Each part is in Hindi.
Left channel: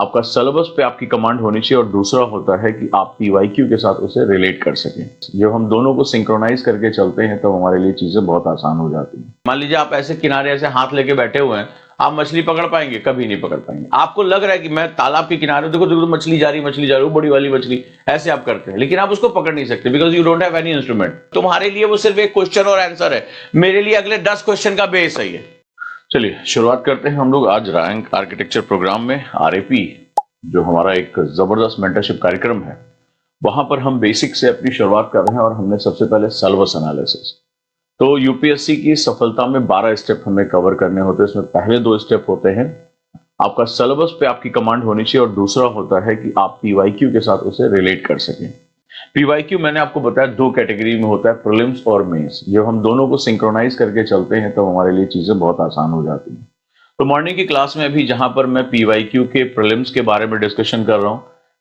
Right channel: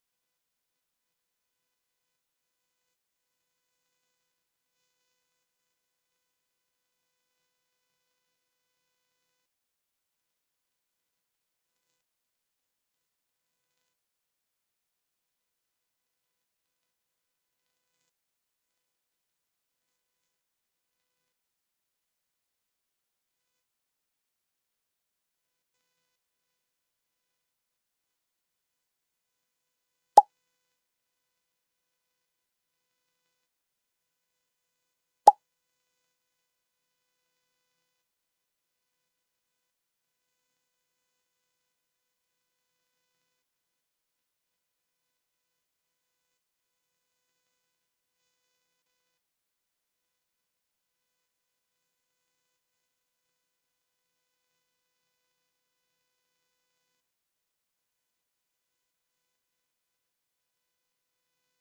आपका सिलेबस पे आपकी कमांड होनी चाहिए और दूसरा होता है कि आप पीवाईक्यू के साथ उसे रिलेट कर सकें। जब हम दोनों को सिंक्रोनाइज करके चलते हैं तो हमारे लिए चीजें बहुत आसान हो जाती हैं। मान लीजिए आप ऐसे किनारे ऐसे हाथ लेके बैठे हुए हैं, आप मछली पकड़ पाएंगे? कभी नहीं पकड़ पाएंगे। आपको लग रहा है कि मैं तालाब के किनारे, देखो देखो मछली जा रही, मछली जा रही, वो बड़ी वाली मछली, ऐसे आप करते हैं, लेकिन आप उसको पकड़ नहीं सकते because you don't have any instrument. तुम्हारे लिए वो सिर्फ एक क्वेश्चन और आंसर है, मेरे लिए अगले 10 क्वेश्चन का बेस है ये। चलिए शुरुआत करते हैं हम लोग आज रैंक आर्किटेक्चर प्रोग्राम में। आरएपी जो हमारा एक जबरदस्त मेंटरशिप कार्यक्रम है, वहां पर हम बेसिक से अपनी शुरुआत कर रहे हैं और हमने सबसे पहले सिलेबस एनालिसिस। तो यूपीएससी की सफलता में 12 स्टेप हमें कवर करने होते हैं। इसमें पहले 2 स्टेप होते हैं, आपका सिलेबस पे आपकी कमांड होनी चाहिए और दूसरा होता है कि आप पीवाईक्यू के साथ उसे रिलेट कर सकें। पीवाईक्यू मैंने आपको बताया 2 कैटेगरी में होता है, प्रीलिम्स और मेंस। जब हम दोनों को सिंक्रोनाइज करके चलते हैं तो हमारे लिए चीजें बहुत आसान हो जाती हैं। तो मॉर्निंग की क्लास में अभी जहां पर मैं पीवाईक्यू के प्रीलिम्स के बारे में डिस्कशन कर रहा हूं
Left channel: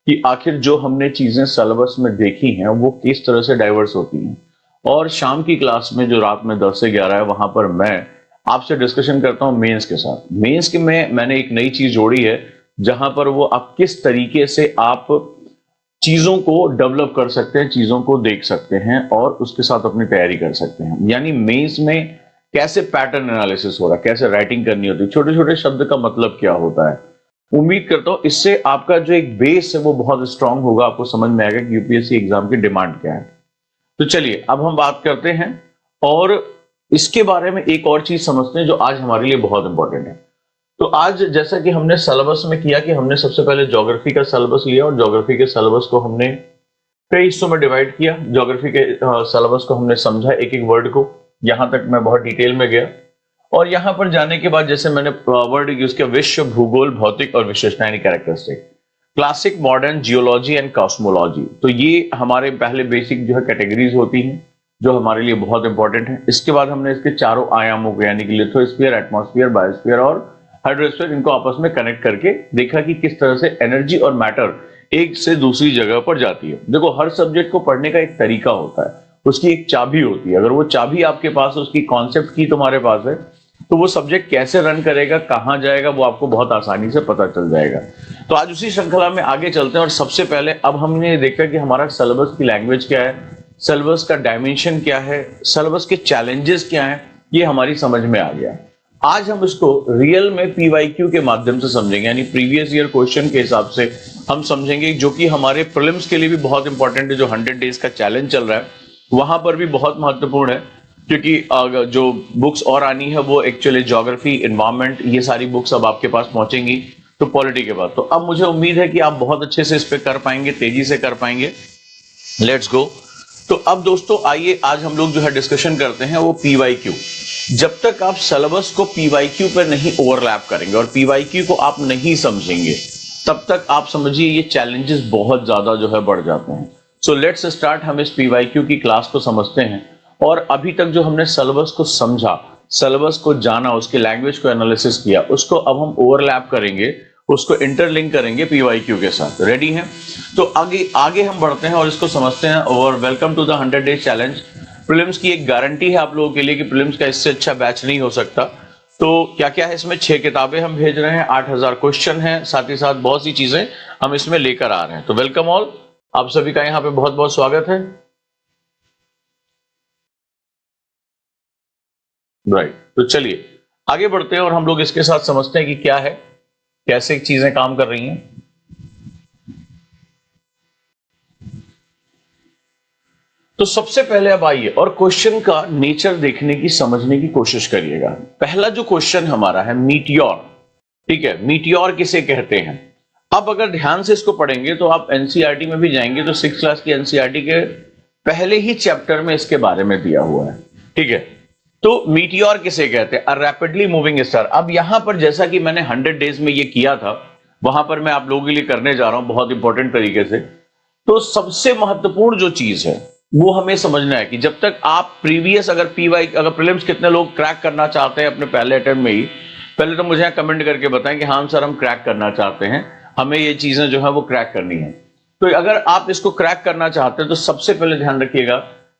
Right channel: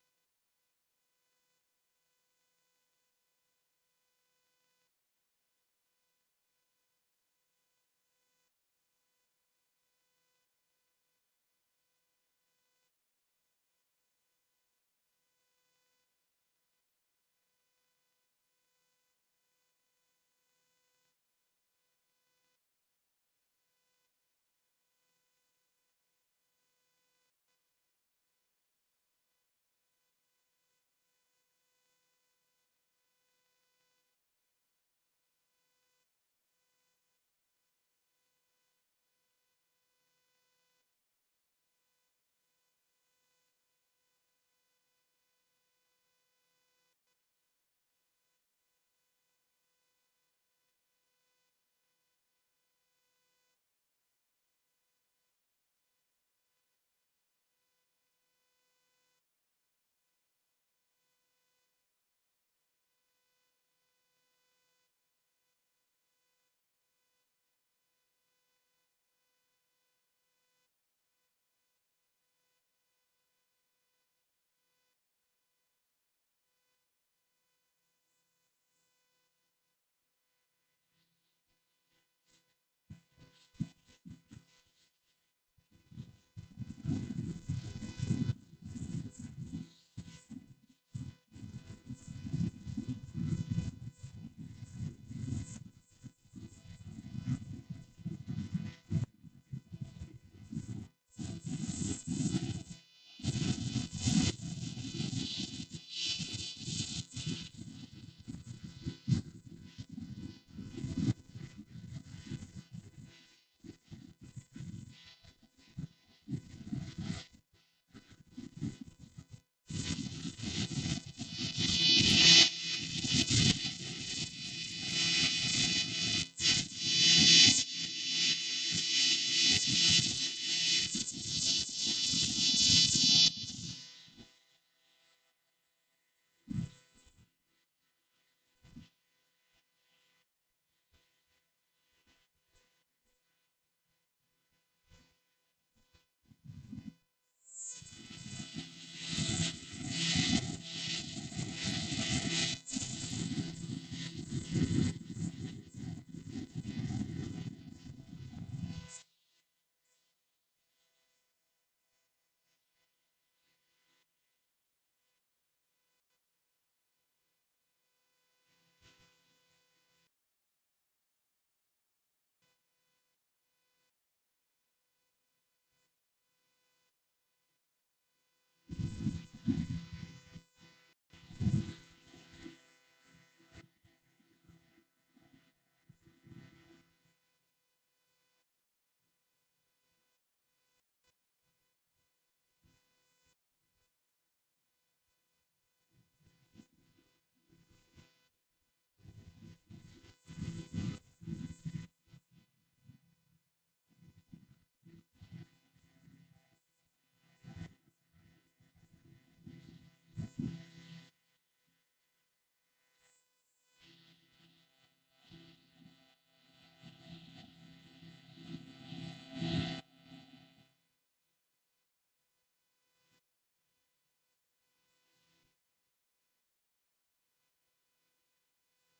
कि आखिर जो हमने चीजें सिलेबस में देखी हैं वो किस तरह से डाइवर्स होती हैं, और शाम की क्लास में जो रात में 10 से 11 है वहां पर मैं आपसे डिस्कशन करता हूं मेंस के साथ। मेंस के में मैंने एक नई चीज जोड़ी है जहां पर वो आप किस तरीके से आप चीजों को डेवलप कर सकते हैं, चीजों को देख सकते हैं और उसके साथ अपनी तैयारी कर सकते हैं। यानी मेंस में कैसे पैटर्न एनालिसिस हो रहा है, कैसे राइटिंग करनी होती है, छोटे छोटे शब्द का मतलब क्या होता है। उम्मीद करता हूं इससे आपका जो एक बेस है वो बहुत स्ट्रांग होगा, आपको समझ में आएगा कि यूपीएससी एग्जाम की डिमांड क्या है। तो चलिए अब हम बात करते हैं और इसके बारे में एक और चीज समझते हैं जो आज हमारे लिए बहुत इंपॉर्टेंट है। तो आज जैसा कि हमने सिलेबस में किया कि हमने सबसे पहले ज्योग्राफी का सिलेबस लिया और ज्योग्राफी के सिलेबस को हमने कई हिस्सों में डिवाइड किया। ज्योग्राफी के सिलेबस को हमने समझा एक एक वर्ड को, यहां तक मैं बहुत डिटेल में गया। और यहां पर जाने के बाद जैसे मैंने वर्ड यूज किया, विश्व, भूगोल, भौतिक और विशेषताएं, characteristic, classic, modern, geology and cosmology. तो ये हमारे पहले बेसिक जो है कैटेगरीज होती हैं जो हमारे लिए बहुत इंपॉर्टेंट है। इसके बाद हमने इसके चारों आयामों को यानी कि लिथोस्फीयर, एटमॉस्फेयर, बायोस्फीयर और हाइड्रोस्फीयर, इनको आपस में कनेक्ट करके देखा कि किस तरह से एनर्जी और मैटर एक से दूसरी जगह पर जाती है। देखो हर सब्जेक्ट को पढ़ने का एक तरीका होता है, उसकी एक चाबी होती है। अगर वो चाबी आपके पास है, उसकी कॉन्सेप्ट की तुम्हारे पास है, तो वो सब्जेक्ट कैसे रन करेगा, कहां जाएगा, वो आपको बहुत आसानी से पता चल जाएगा। तो आज उसी श्रृंखला में आगे चलते हैं और सबसे पहले अब हमने देखा कि हमारा सिलेबस की लैंग्वेज क्या है, सिलेबस का डायमेंशन क्या है, सिलेबस के चैलेंजेस क्या हैं, ये हमारी समझ में आ गया। आज हम इसको रियल में पीवाईक्यू के माध्यम से समझेंगे, यानी प्रीवियस ईयर क्वेश्चन के हिसाब से हम समझेंगे, जो कि हमारे प्रीलिम्स के लिए भी बहुत इंपॉर्टेंट है। जो 100 डेज का चैलेंज चल रहा है वहां पर भी बहुत महत्वपूर्ण है, क्योंकि जो बुक्स और आनी है वो एक्चुअली ज्योग्राफी, एनवायरमेंट, ये सारी बुक्स अब आपके पास पहुंचेंगी तो पॉलिटी के बाद। तो अब मुझे उम्मीद है कि आप बहुत अच्छे से इस पे कर पाएंगे, तेजी से कर पाएंगे। Let's go. तो अब दोस्तों आइए आज हम लोग जो है डिस्कशन करते हैं वो पीवाईक्यू। जब तक आप सिलेबस को पीवाईक्यू पर नहीं ओवरलैप करेंगे और पीवाईक्यू को आप नहीं समझेंगे, तब तक आप समझिए ये चैलेंजेस बहुत ज्यादा जो है बढ़ जाते हैं। So let's start. हम इस पीवाईक्यू की क्लास को समझते हैं और अभी तक जो हमने सिलेबस को समझा, सिलेबस को जाना, उसके लैंग्वेज को एनालिसिस किया, उसको अब हम ओवरलैप करेंगे, उसको इंटरलिंक करेंगे पीवाईक्यू के साथ। रेडी हैं? तो आगे हम बढ़ते हैं और इसको समझते हैं। और welcome to the 100 days challenge. Prelims की एक गारंटी है आप लोगों के लिए कि प्रीलिम्स का इससे अच्छा बैच नहीं हो सकता। तो क्या क्या है इसमें, 6 किताबें हम भेज रहे हैं, 8000 क्वेश्चन हैं, साथ ही साथ बहुत सी चीजें हम इसमें लेकर आ रहे हैं। तो वेलकम ऑल, आप सभी का यहाँ पे बहुत बहुत स्वागत है। राइट, तो चलिए आगे बढ़ते हैं और हम लोग इसके साथ समझते हैं कि क्या है, कैसे चीजें काम कर रही हैं। तो सबसे पहले अब आइए और क्वेश्चन का नेचर देखने की, समझने की कोशिश करिएगा। पहला जो क्वेश्चन हमारा है मीटियोर, ठीक है, मीटियोर किसे कहते हैं। अब अगर ध्यान से इसको पढ़ेंगे तो आप एनसीईआरटी में भी जाएंगे तो 6th क्लास की एनसीईआरटी के पहले ही चैप्टर में इसके बारे में दिया हुआ है, ठीक है। तो मीटियोर किसे कहते हैं, अ रैपिडली मूविंग स्टार। अब यहां पर जैसा कि मैंने 100 डेज में ये किया था, वहां पर मैं आप लोगों के लिए करने जा रहा हूं बहुत इंपॉर्टेंट तरीके से। तो सबसे महत्वपूर्ण जो चीज है वो हमें समझना है कि जब तक आप प्रीवियस अगर प्रीलिम्स कितने लोग क्रैक करना चाहते हैं अपने पहले अटेम्प्ट में ही, पहले तो मुझे कमेंट करके बताएं कि हाँ सर हम क्रैक करना चाहते हैं, हमें ये चीजें जो है वो क्रैक करनी है। तो अगर आप इसको क्रैक करना चाहते हैं तो सबसे पहले ध्यान रखिएगा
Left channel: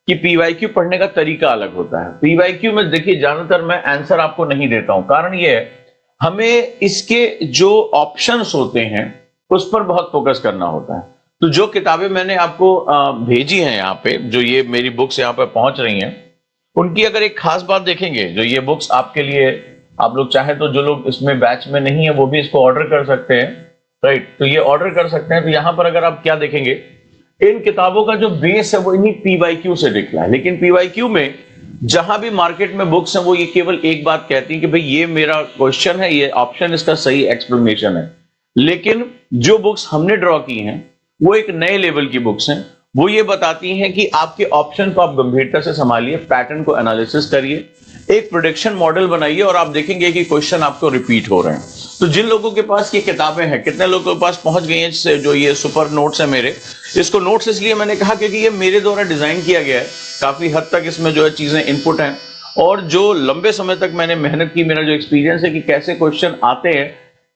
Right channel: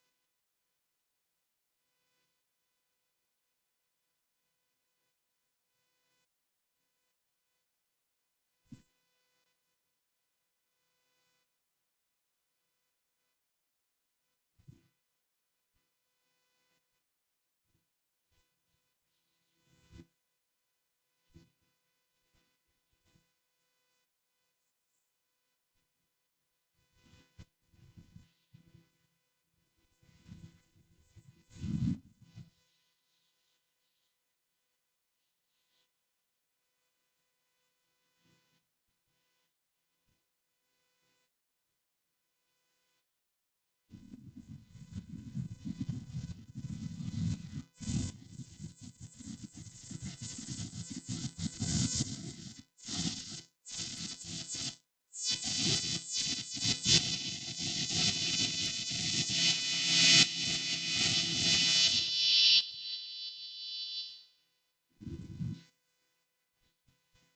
कि पीवाईक्यू पढ़ने का तरीका अलग होता है। पीवाईक्यू में देखिए ज्यादातर मैं आंसर आपको नहीं देता हूं, कारण ये है हमें इसके जो ऑप्शंस होते हैं उस पर बहुत फोकस करना होता है। तो जो किताबें मैंने आपको भेजी हैं यहाँ पे, जो ये मेरी बुक्स यहाँ पे पहुंच रही हैं, उनकी अगर एक खास बात देखेंगे, जो ये बुक्स आपके लिए, आप लोग चाहे तो जो लोग इसमें बैच में नहीं है वो भी इसको ऑर्डर कर सकते हैं, राइट? तो ये ऑर्डर कर सकते हैं। तो यहाँ पर अगर आप क्या देखेंगे, इन किताबों का जो बेस है वो इन्हीं पीवाईक्यू से निकला है। लेकिन पीवाईक्यू में जहां भी मार्केट में बुक्स हैं वो ये केवल एक बात कहती है कि भाई ये मेरा क्वेश्चन है, ये ऑप्शन इसका सही एक्सप्लेनेशन है। लेकिन जो बुक्स हमने ड्रॉ की हैं वो एक नए लेवल की बुक्स हैं। वो ये बताती हैं कि आपके ऑप्शन को आप गंभीरता से संभालिए, पैटर्न को एनालिसिस करिए, एक प्रेडिक्शन मॉडल बनाइए और आप देखेंगे कि क्वेश्चन आपको रिपीट हो रहे हैं। तो जिन लोगों के पास ये किताबें हैं, कितने लोगों के पास पहुंच गई हैं जो ये सुपर नोट्स है मेरे, इसको नोट्स इसलिए मैंने कहा क्योंकि ये मेरे द्वारा डिजाइन किया गया है, काफी हद तक इसमें जो है चीजें इनपुट हैं, और जो लंबे समय तक मैंने मेहनत की, मेरा जो एक्सपीरियंस है कि कैसे क्वेश्चन आते हैं,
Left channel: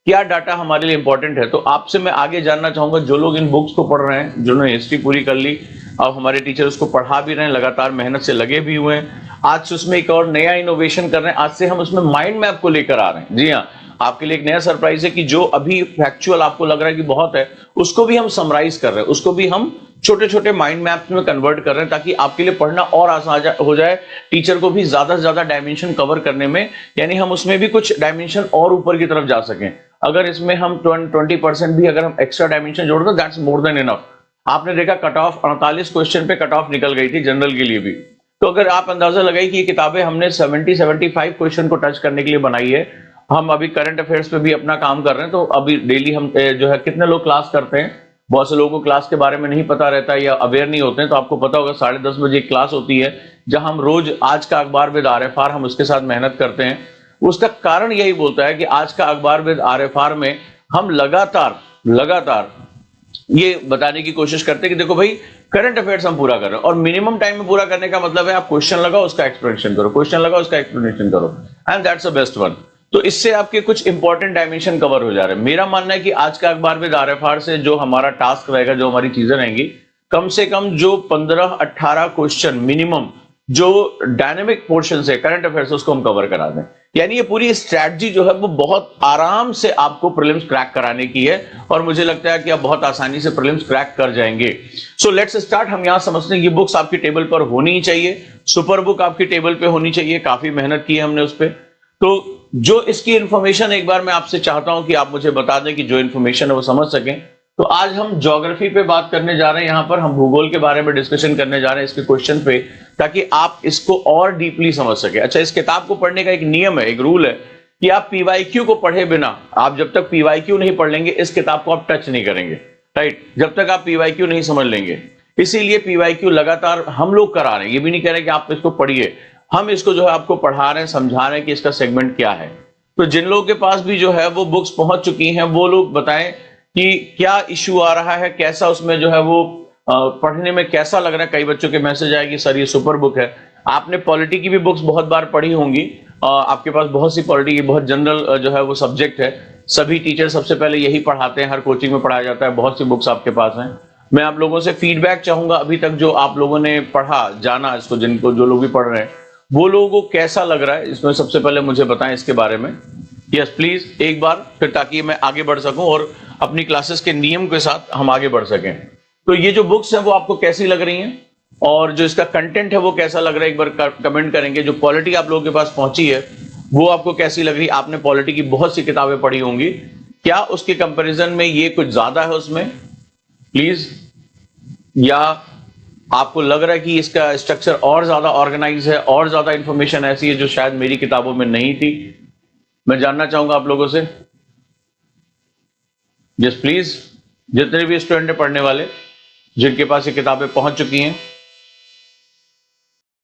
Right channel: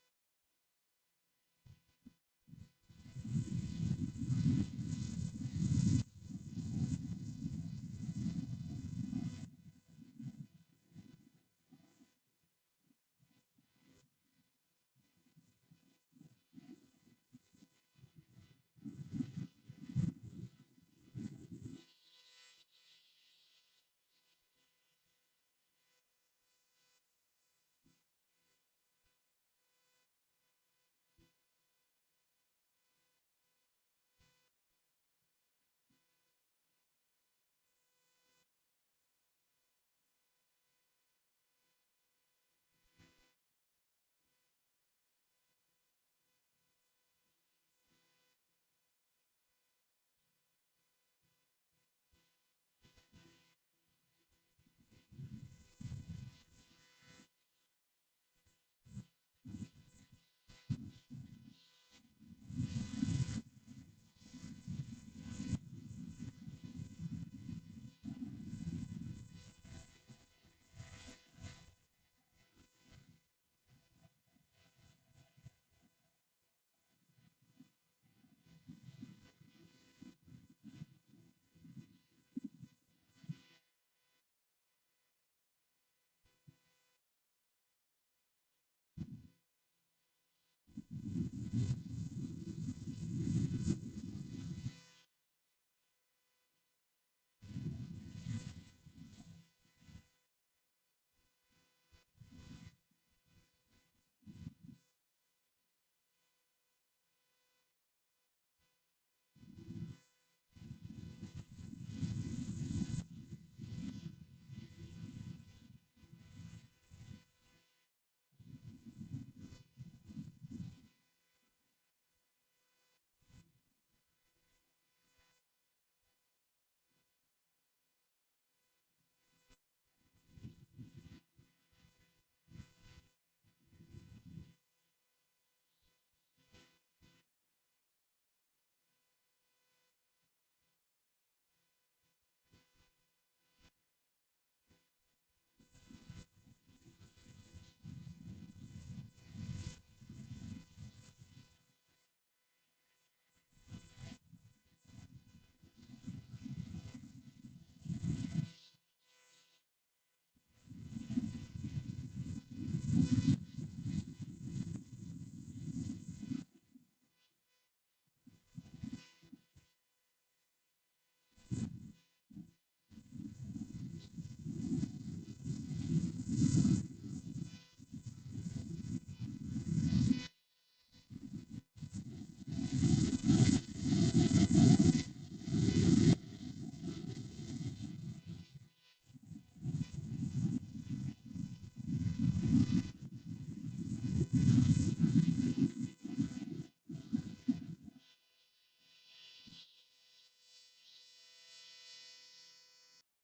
क्या डाटा हमारे लिए इंपॉर्टेंट है। तो आपसे मैं आगे जानना चाहूंगा, जो लोग इन बुक्स को पढ़ रहे हैं, जिन्होंने हिस्ट्री पूरी कर ली, अब हमारे टीचर उसको पढ़ा भी रहे हैं, लगातार मेहनत से लगे भी हुए हैं, आज से उसमें एक और नया इनोवेशन कर रहे हैं, आज से हम उसमें माइंड मैप को लेकर आ रहे हैं। जी हाँ, आपके लिए एक नया सरप्राइज है कि जो अभी फैक्चुअल आपको लग रहा है कि बहुत है, उसको भी हम समराइज कर रहे हैं, उसको भी हम छोटे छोटे माइंड मैप्स में कन्वर्ट कर रहे हैं, ताकि आपके लिए पढ़ना और आसान हो जाए, टीचर को भी ज्यादा से ज्यादा डायमेंशन कवर करने में, यानी हम उसमें भी कुछ डायमेंशन और ऊपर की तरफ जा सकें। अगर इसमें हम 20% भी अगर हम एक्स्ट्रा डायमेंशन जोड़ दो, दैट्स मोर देन इनफ। आपने देखा कट ऑफ 48 क्वेश्चन पे कट ऑफ निकल गई थी जनरल के लिए भी। तो अगर आप अंदाजा लगाइए कि ये किताबें हमने 70-75 क्वेश्चन को टच करने के लिए बनाई है। हम अभी करंट अफेयर्स पे भी अपना काम कर रहे हैं, तो अभी डेली हम जो है, कितने लोग क्लास करते हैं, बहुत से लोगों को क्लास के बारे में नहीं पता रहता है या अवेयर नहीं होते हैं। तो आपको पता होगा 10:30 बजे एक क्लास होती है जहां हम रोज आज का अखबार विद RFR हम उसके साथ मेहनत करते हैं। उसका कारण यही बोलता है कि आज का अखबार विद RFR में हम लगातार ये बताने की कोशिश करते हैं कि देखो भाई, करंट अफेयर्स हम पूरा कर रहे हैं, और मिनिमम टाइम में पूरा करने का मतलब है आप क्वेश्चन लगाओ, उसका एक्सप्लेनेशन करो, क्वेश्चन लगाओ, उसका एक्सप्लेनेशन करो, and that's the best one. तो इससे आपके कुछ इंपॉर्टेंट डायमेंशन कवर हो जा रहे हैं। मेरा मानना है कि आज का अखबार विद RFR से जो हमारा टास्क रहेगा, जो हमारी चीजें रहेंगी, कम से कम जो 15-18 क्वेश्चन मिनिमम जो डायनेमिक पोर्शन है करंट अफेयर्स, उसको हम कवर करा दें। यानी ये पूरी स्ट्रैटेजी जो है वो बहुत आराम से आपको प्रीलिम्स क्रैक कराने की है, और मुझे लगता है कि आप बहुत आसानी से प्रीलिम्स क्रैक कर जाएंगे। So let's start. हम यहां समझते हैं ये बुक्स आपकी टेबल पर होनी ही चाहिए, सुपर बुक आपकी टेबल पे होनी चाहिए, काफी मेहनत की है हमने उस पर। तो जो इसकी इंफॉर्मेशन एक बार मैं आपसे चाहता हूं कि आप मुझे बता दें कि जो इंफॉर्मेशन है वो समझ सकें। तो आज हम ज्योग्राफी पे बात करने जा रहे हैं, यहां पर हम भूगोल के बारे में डिस्कशन करने जा रहे हैं इसके क्वेश्चन पे, ताकि आप इसको और डीपली समझ सके। अच्छा, इस किताब को पढ़ने का एक नियम है, एक रूल है कि आप पीवाईक्यू को पढ़े बिना, आप जब तक पीवाईक्यू नहीं पढ़ लेंगे इस किताब को आप टच नहीं करेंगे, राइट? जब तक आप पीवाईक्यू नहीं समझ लेंगे। इसीलिए पीवाईक्यू लगातार हम लोग करा रहे हैं, ये भी नहीं कह रहे कि आप इसको पढ़िए, हम इसको जो है आपको पढ़ा रहे हैं, समझा रहे हैं कि इसका सेगमेंट क्या है। तो जिन लोगों के पास भी जो है वो बुक्स पहुंच चुकी हैं, वो लोग बताएं कि क्या इश्यू आ रहा है, कैसा उसमें जो है वो पढ़ने में कैसा लग रहा है। कई बच्चों के मैसेज आए कि सर ये सुपर बुक है। आपने पॉलिटी की भी बुक्स बहुत बार पढ़ी होंगी, आपके पास बहुत सी पॉलिटी की, बहुत जनरल जो है वो सब्जेक्ट है, सभी टीचर सबसे पहले यही पढ़ाते हैं, हर कोचिंग में पढ़ाया जाता है, बहुत सी बुक्स आपके पास हैं। मैं आप लोगों से फीडबैक चाहूंगा, अभी तक जो आप लोगों ने पढ़ा, जाना इसको, जिनको जो लोग भी पढ़ रहे हैं, वो लोगों को कैसा लग रहा है इसमें, सबसे पहले मुझे बताएं इसके बारे में। यस प्लीज, एक बार फिर, ताकि मैं आगे बढ़ सकूं और अपनी क्लासेस के नियम के साथ हम आगे बढ़ सकें। तो ये जो बुक्स हैं वो आपको कैसी लग रही हैं, और जो इसका कंटेंट है वो कैसा लग रहा है, एक बार कमेंट करेंगे। जो पॉलिटी आप लोगों के पास पहुंची है वो आपको कैसी लग रही है? आपने पॉलिटी की बहुत सी किताबें पढ़ी होंगी, क्या उसके कंपैरिजन में ये कुछ ज्यादा है उसमें, प्लीज? या आपको लग रहा है कि इसका स्ट्रक्चर और ज्यादा ऑर्गेनाइज है, और ज्यादा इंफॉर्मेशन ऐसी है जो शायद मेरी किताबों में नहीं थी? मैं जानना चाहूंगा आप लोगों से। यस प्लीज, जितने भी स्टूडेंट है पढ़ने वाले, जिनके पास ये किताबें पहुंच चुकी हैं।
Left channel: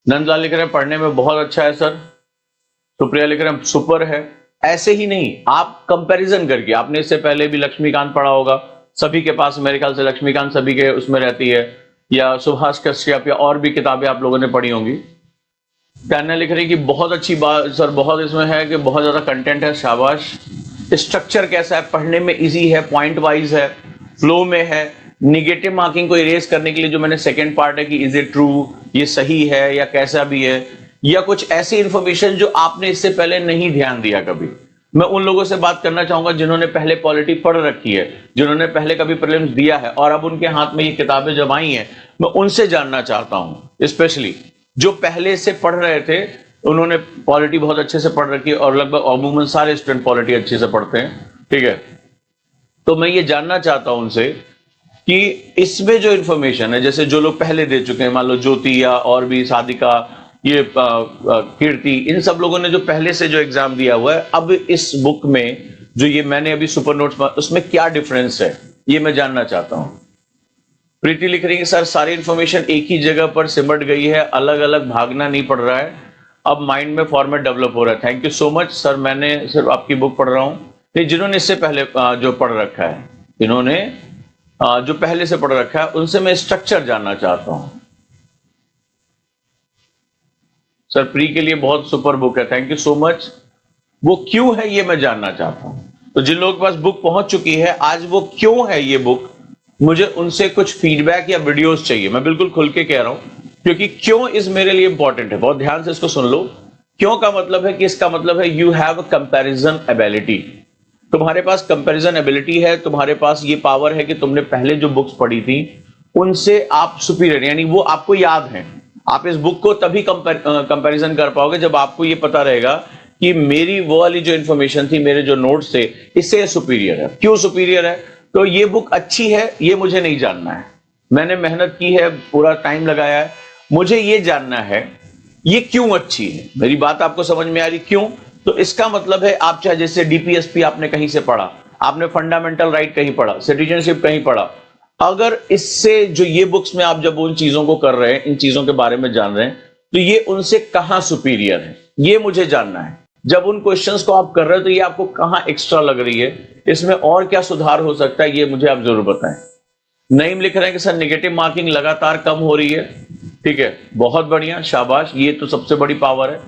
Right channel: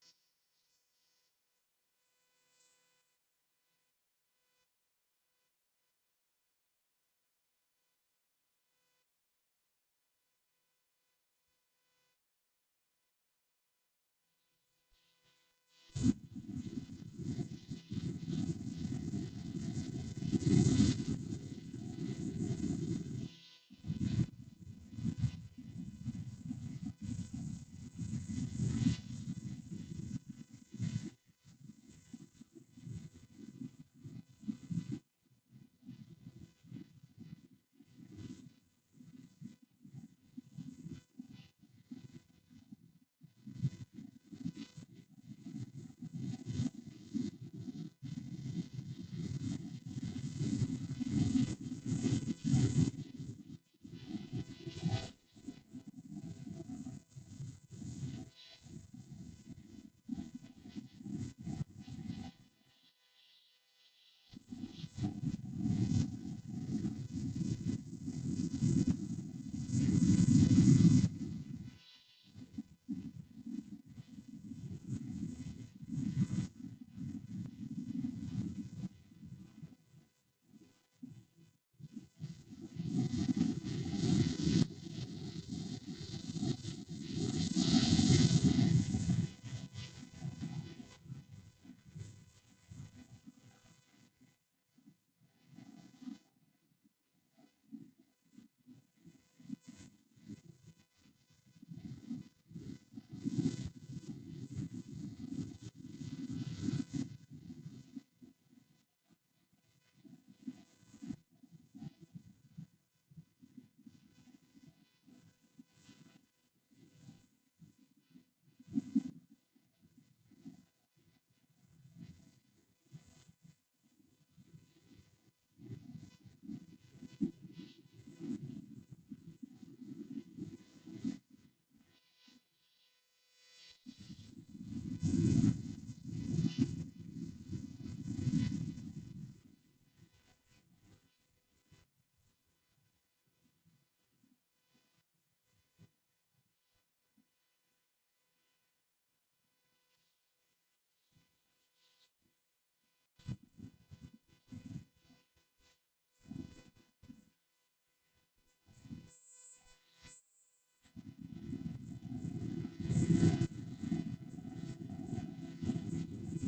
नंदलाल लिख रहे हैं पढ़ने में बहुत अच्छा है सर। सुप्रिया लिख रहे हैं सुपर है। ऐसे ही नहीं, आप कंपैरिजन करके, आपने इससे पहले भी लक्ष्मीकांत पढ़ा होगा, सभी के पास मेरे ख्याल से लक्ष्मीकांत सभी के उसमें रहती है, या सुभाष कश्यप, या और भी किताबें आप लोगों ने पढ़ी होंगी। टैना लिख रही कि बहुत अच्छी बात सर, बहुत इसमें है कि बहुत ज्यादा कंटेंट है, शाबाश। स्ट्रक्चर कैसा है, पढ़ने में इजी है, पॉइंट वाइज है, फ्लो में है। निगेटिव मार्किंग को इरेज करने के लिए जो मैंने सेकंड पार्ट है कि इज इट ट्रू, ये सही है या कैसा भी है, या कुछ ऐसी इंफॉर्मेशन जो आपने इससे पहले नहीं ध्यान दिया कभी, मैं उन लोगों से बात करना चाहूंगा जिन्होंने पहले पॉलिटी पढ़ रखी है, जिन्होंने पहले कभी प्रीलिम्स दिया है और अब उनके हाथ में ये किताबें जब आई हैं, मैं उनसे जानना चाहता हूं, स्पेशली जो पहले से पढ़ रहे थे, उन्होंने पॉलिटी बहुत अच्छे से पढ़ रखी है और लगभग अमूमन सारे स्टूडेंट पॉलिटी अच्छे से पढ़ते हैं, ठीक है। तो मैं ये जानना चाहता हूं उनसे कि इसमें जो इंफॉर्मेशन है, जैसे जो लोग पहले दे चुके हैं, मान लो ज्योति या और भी साधिका, ये कीर्ति, इन सब लोगों ने जो पहले से जो एग्जाम दिया हुआ है, अब इस बुक में जो ये मैंने अभी सुपर नोट्स, उसमें क्या डिफरेंस है, ये मैं जानना चाहता हूं। प्रीति लिख रही है सर सारी इंफॉर्मेशन एक ही जगह पर सिमट गई है, अलग अलग भागना नहीं पड़ रहा है, अब माइंड में फॉर्मेट डेवलप हो रहा है। Thank you so much sir, मैंने सिर्फ आपकी बुक पढ़ रहा हूं, नहीं जिन्होंने इससे पहले जो पढ़ रखा है, इन्होंने जो पहले से पढ़ रखा है, उनसे मैं स्ट्रक्चर जानना चाहता हूं। सर प्री के लिए बहुत सुपर बुक है, थैंक यू सो मच। वो क्यों है ये मैं जानना चाहता हूं। तो जिन लोगों के पास बुक पहुंच चुकी है आज, वो क्यों है ये बुक, मुझे उनसे कुछ फीडबैक या वीडियोस चाहिए। मैं बिल्कुल खुल के कह रहा हूं, क्योंकि क्यों इस मेरे लिए इंपॉर्टेंट है। बहुत ध्यान से इसको सुन लो। क्यों का मतलब है कि इसका मतलब है यू हैव कंपैरिजन एबिलिटी। तुम्हारे पास कंपैरिजन एबिलिटी है, तुम्हारे पास ये पावर है कि तुमने पहले जो बुक्स पढ़ी थी उनसे आप सुपीरियर, यानी वो आपको याद है। आप इस बुक को तभी कंपैरिजन कर पाओगे जब आपको ये पता रहेगा कि मेरी वो वाली जो इंफॉर्मेशन थी, मेरे जो नोट्स थे, इससे सुपीरियर है। क्यों सुपीरियर है? तो ये बुक अच्छी है ये मुझे नहीं जानना है, मैंने मेहनत की है, पूरा टाइम लगाया है, मुझे ये जानना है ये क्यों अच्छी है। मेरी बात आपको समझ में आ रही? क्यों? तो इसका मतलब है आप चाहे जैसे डीपीएसपी आपने कहीं से पढ़ा, आपने फंडामेंटल राइट कहीं पढ़ा, सिटीजनशिप कहीं पढ़ा, अगर इससे जो ये बुक्स में आप जब उन चीजों को कर रहे हैं, इन चीजों के बारे में जान रहे हैं, तो ये उनसे कहां सुपीरियर है, ये मुझे जानना है। जब उन क्वेश्चंस को आप कर रहे हो तो ये आपको कहां एक्स्ट्रा लग रही है, इसमें और क्या सुधार हो सकता है, ये मुझे आप जरूर बताएं। नईम लिख रहे हैं कि सर नेगेटिव मार्किंग लगातार कम हो रही है। ठीक है, बहुत बढ़िया, शाबाश, ये तो सबसे बड़ी पावर है।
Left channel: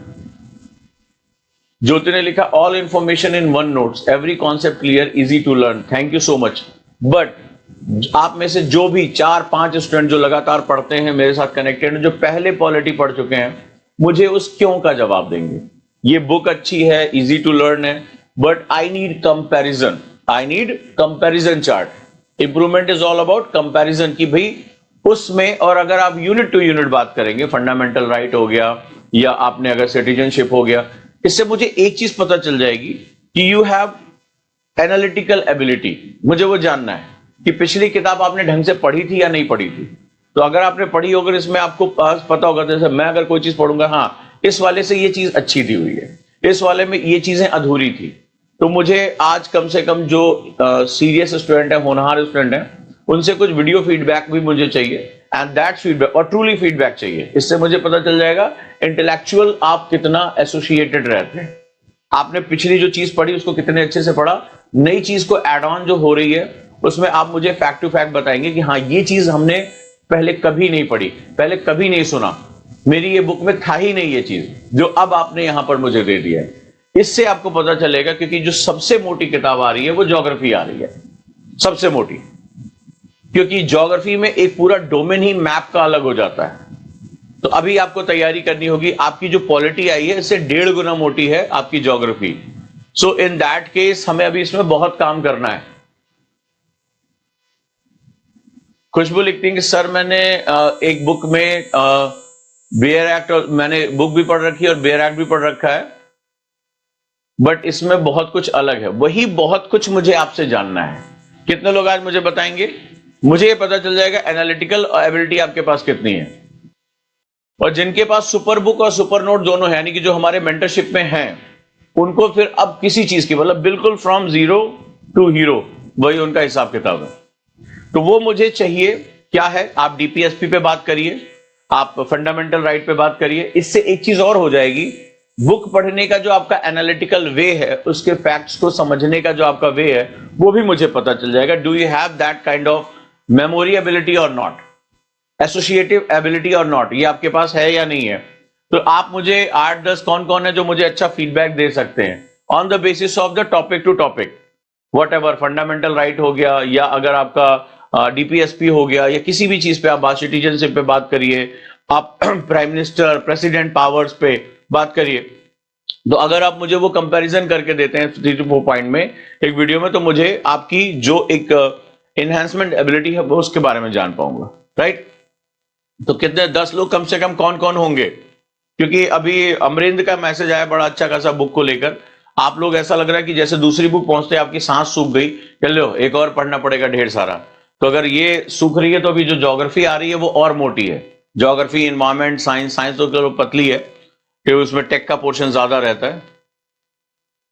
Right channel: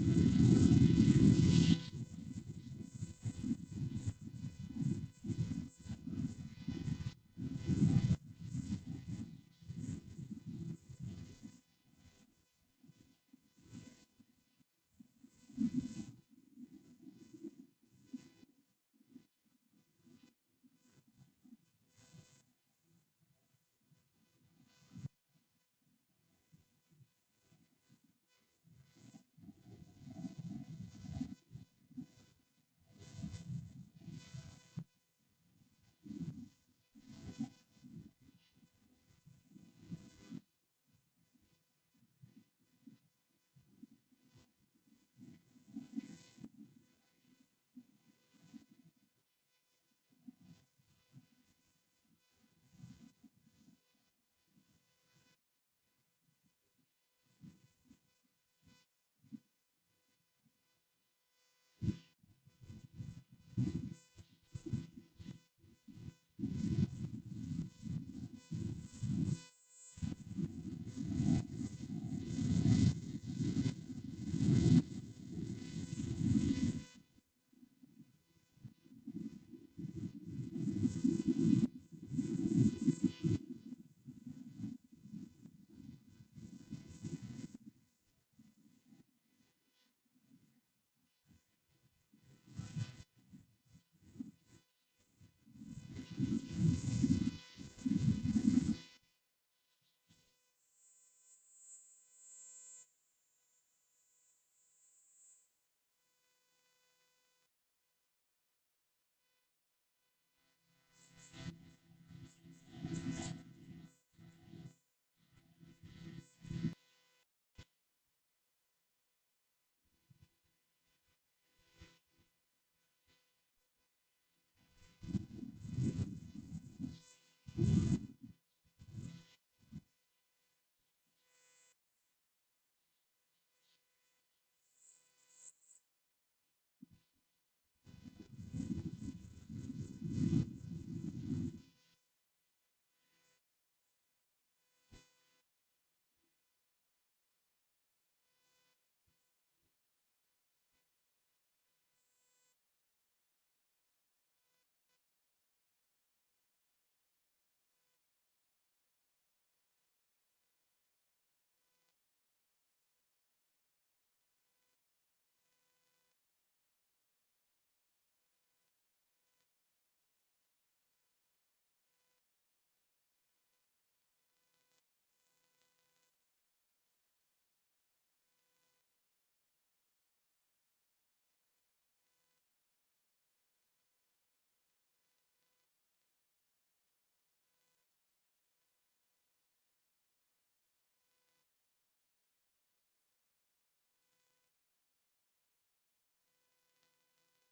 ज्योति ने लिखा all information in one notes, every concept clear, easy to learn, thank you so much. But आप में से जो भी 4-5 स्टूडेंट जो लगातार पढ़ते हैं, मेरे साथ कनेक्टेड, जो पहले पॉलिटी पढ़ चुके हैं, मुझे उस क्यों का जवाब देंगे। ये बुक अच्छी है, इजी टू लर्न है, but I need comparison, I need comparison chart. Improvement is all about comparison की भाई उसमें। और अगर आप यूनिट टू यूनिट बात करेंगे, फंडामेंटल राइट हो गया या आपने अगर सिटीजनशिप हो गया, इससे मुझे एक चीज पता चल जाएगी कि यू हैव एनालिटिकल एबिलिटी। मुझे वो जानना है कि पिछली किताब आपने ढंग से पढ़ी थी या नहीं पढ़ी थी। तो अगर आपने पढ़ी होगी, इसमें आपको पास पता होगा, जैसे मैं अगर कोई चीज पढ़ूंगा, हाँ इस वाले से ये चीज अच्छी दी हुई है, इस वाले में ये चीजें अधूरी थी, तो मुझे आज कम से कम जो सीरियस स्टूडेंट है, होनहार स्टूडेंट है, उनसे कुछ वीडियो फीडबैक भी मुझे चाहिए, एंड दैट फीडबैक, और ट्रूली फीडबैक चाहिए। इससे मुझे पता चल जाएगा इंटेलेक्चुअल आप कितना एसोसिएटेड रहते हैं, आपने पिछली जो चीज पढ़ी उसको कितने अच्छे से पढ़ा, नई चीज को एड ऑन जो हो रही है उसमें आप मुझे फैक्ट टू फैक्ट बताएंगे कि हाँ ये चीज हमने पहले कभी नहीं पढ़ी, पहले कभी नहीं सुना, मेरी ये बुक में था ही नहीं ये चीज, जो अब आपने यहां पर मुझे दे दिया है। इससे आपको पता चलेगा, क्योंकि जो सबसे मोटी किताब आ रही है वो ज्योग्राफी आ रही है, सबसे मोटी, क्योंकि ज्योग्राफी में एक पूरा डोमेन ही मैप का अलग हो जाता है। तो अभी आपको तैयारी करनी होगी, आपकी जो पॉलिटी आई है इससे 1.5 गुना मोटी है आपकी geography. So in that case हमें अभी इसमें बहुत काम करना है। खुशबू लिखती है कि सर मैंने एक बुक में बेयर एक्ट, और मैंने बुक भी पढ़ रखी है और बेयर एक्ट भी पढ़ रखा है, बट इसमें बहुत कुछ अलग है। वही बहुत कुछ मुझे आपसे जानना है। कितने लोग आज मुझे बताएंगे? मुझे ये पता चल जाएगा एनालिटिकल एबिलिटी आपके पास कितनी है। और जिनके पास सुपर बुक और सुपर नोट दोनों है, यानी कि जो हमारे मेंटरशिप में हैं, उनको फिर अब किसी चीज की, मतलब बिल्कुल फ्रॉम जीरो टू हीरो, वही उनका हिसाब किताब है। तो वो मुझे चाहिए क्या है, आप डीपीएसपी पे बात करिए, आप फंडामेंटल राइट पे बात करिए। इससे एक चीज और हो जाएगी, बुक पढ़ने का जो आपका एनालिटिकल वे है, उसके फैक्ट्स को समझने का जो आपका वे है, वो भी मुझे पता चल जाएगा। Do you have that kind of memory ability और नॉट, एसोसिएटिव एबिलिटी और नॉट, ये आपके पास है या नहीं है। तो आप मुझे 8-10 कौन कौन है जो मुझे अच्छा फीडबैक दे सकते हैं on the basis of the topic to topic, whatever, fundamental right हो गया, या अगर आपका डीपीएसपी हो गया, या किसी भी चीज पे आप बात, सिटीजनशिप पे बात करिए, आप प्राइम मिनिस्टर, प्रेसिडेंट पावर्स पे बात करिए, तो अगर आप मुझे वो कंपैरिजन करके देते हैं 3 to 4 पॉइंट में एक वीडियो में, तो मुझे आपकी जो एक एनहांसमेंट एबिलिटी है वो उसके बारे में जान पाऊंगा, राइट? तो कितने 10 लोग कम से कम कौन कौन होंगे? क्योंकि अभी अमरिंद का मैसेज आया बड़ा अच्छा खासा बुक को लेकर। आप लोग ऐसा लग रहा है कि जैसे दूसरी बुक पहुंचते आपकी सांस सूख गई, चल लो एक और पढ़ना पड़ेगा ढेर सारा। तो अगर ये सूख रही है तो अभी जो ज्योग्राफी आ रही है वो और मोटी है। ज्योग्राफी, एनवायरमेंट, साइंस, साइंस तो चलो पतली है कि उसमें टेक का पोर्शन ज्यादा रहता है।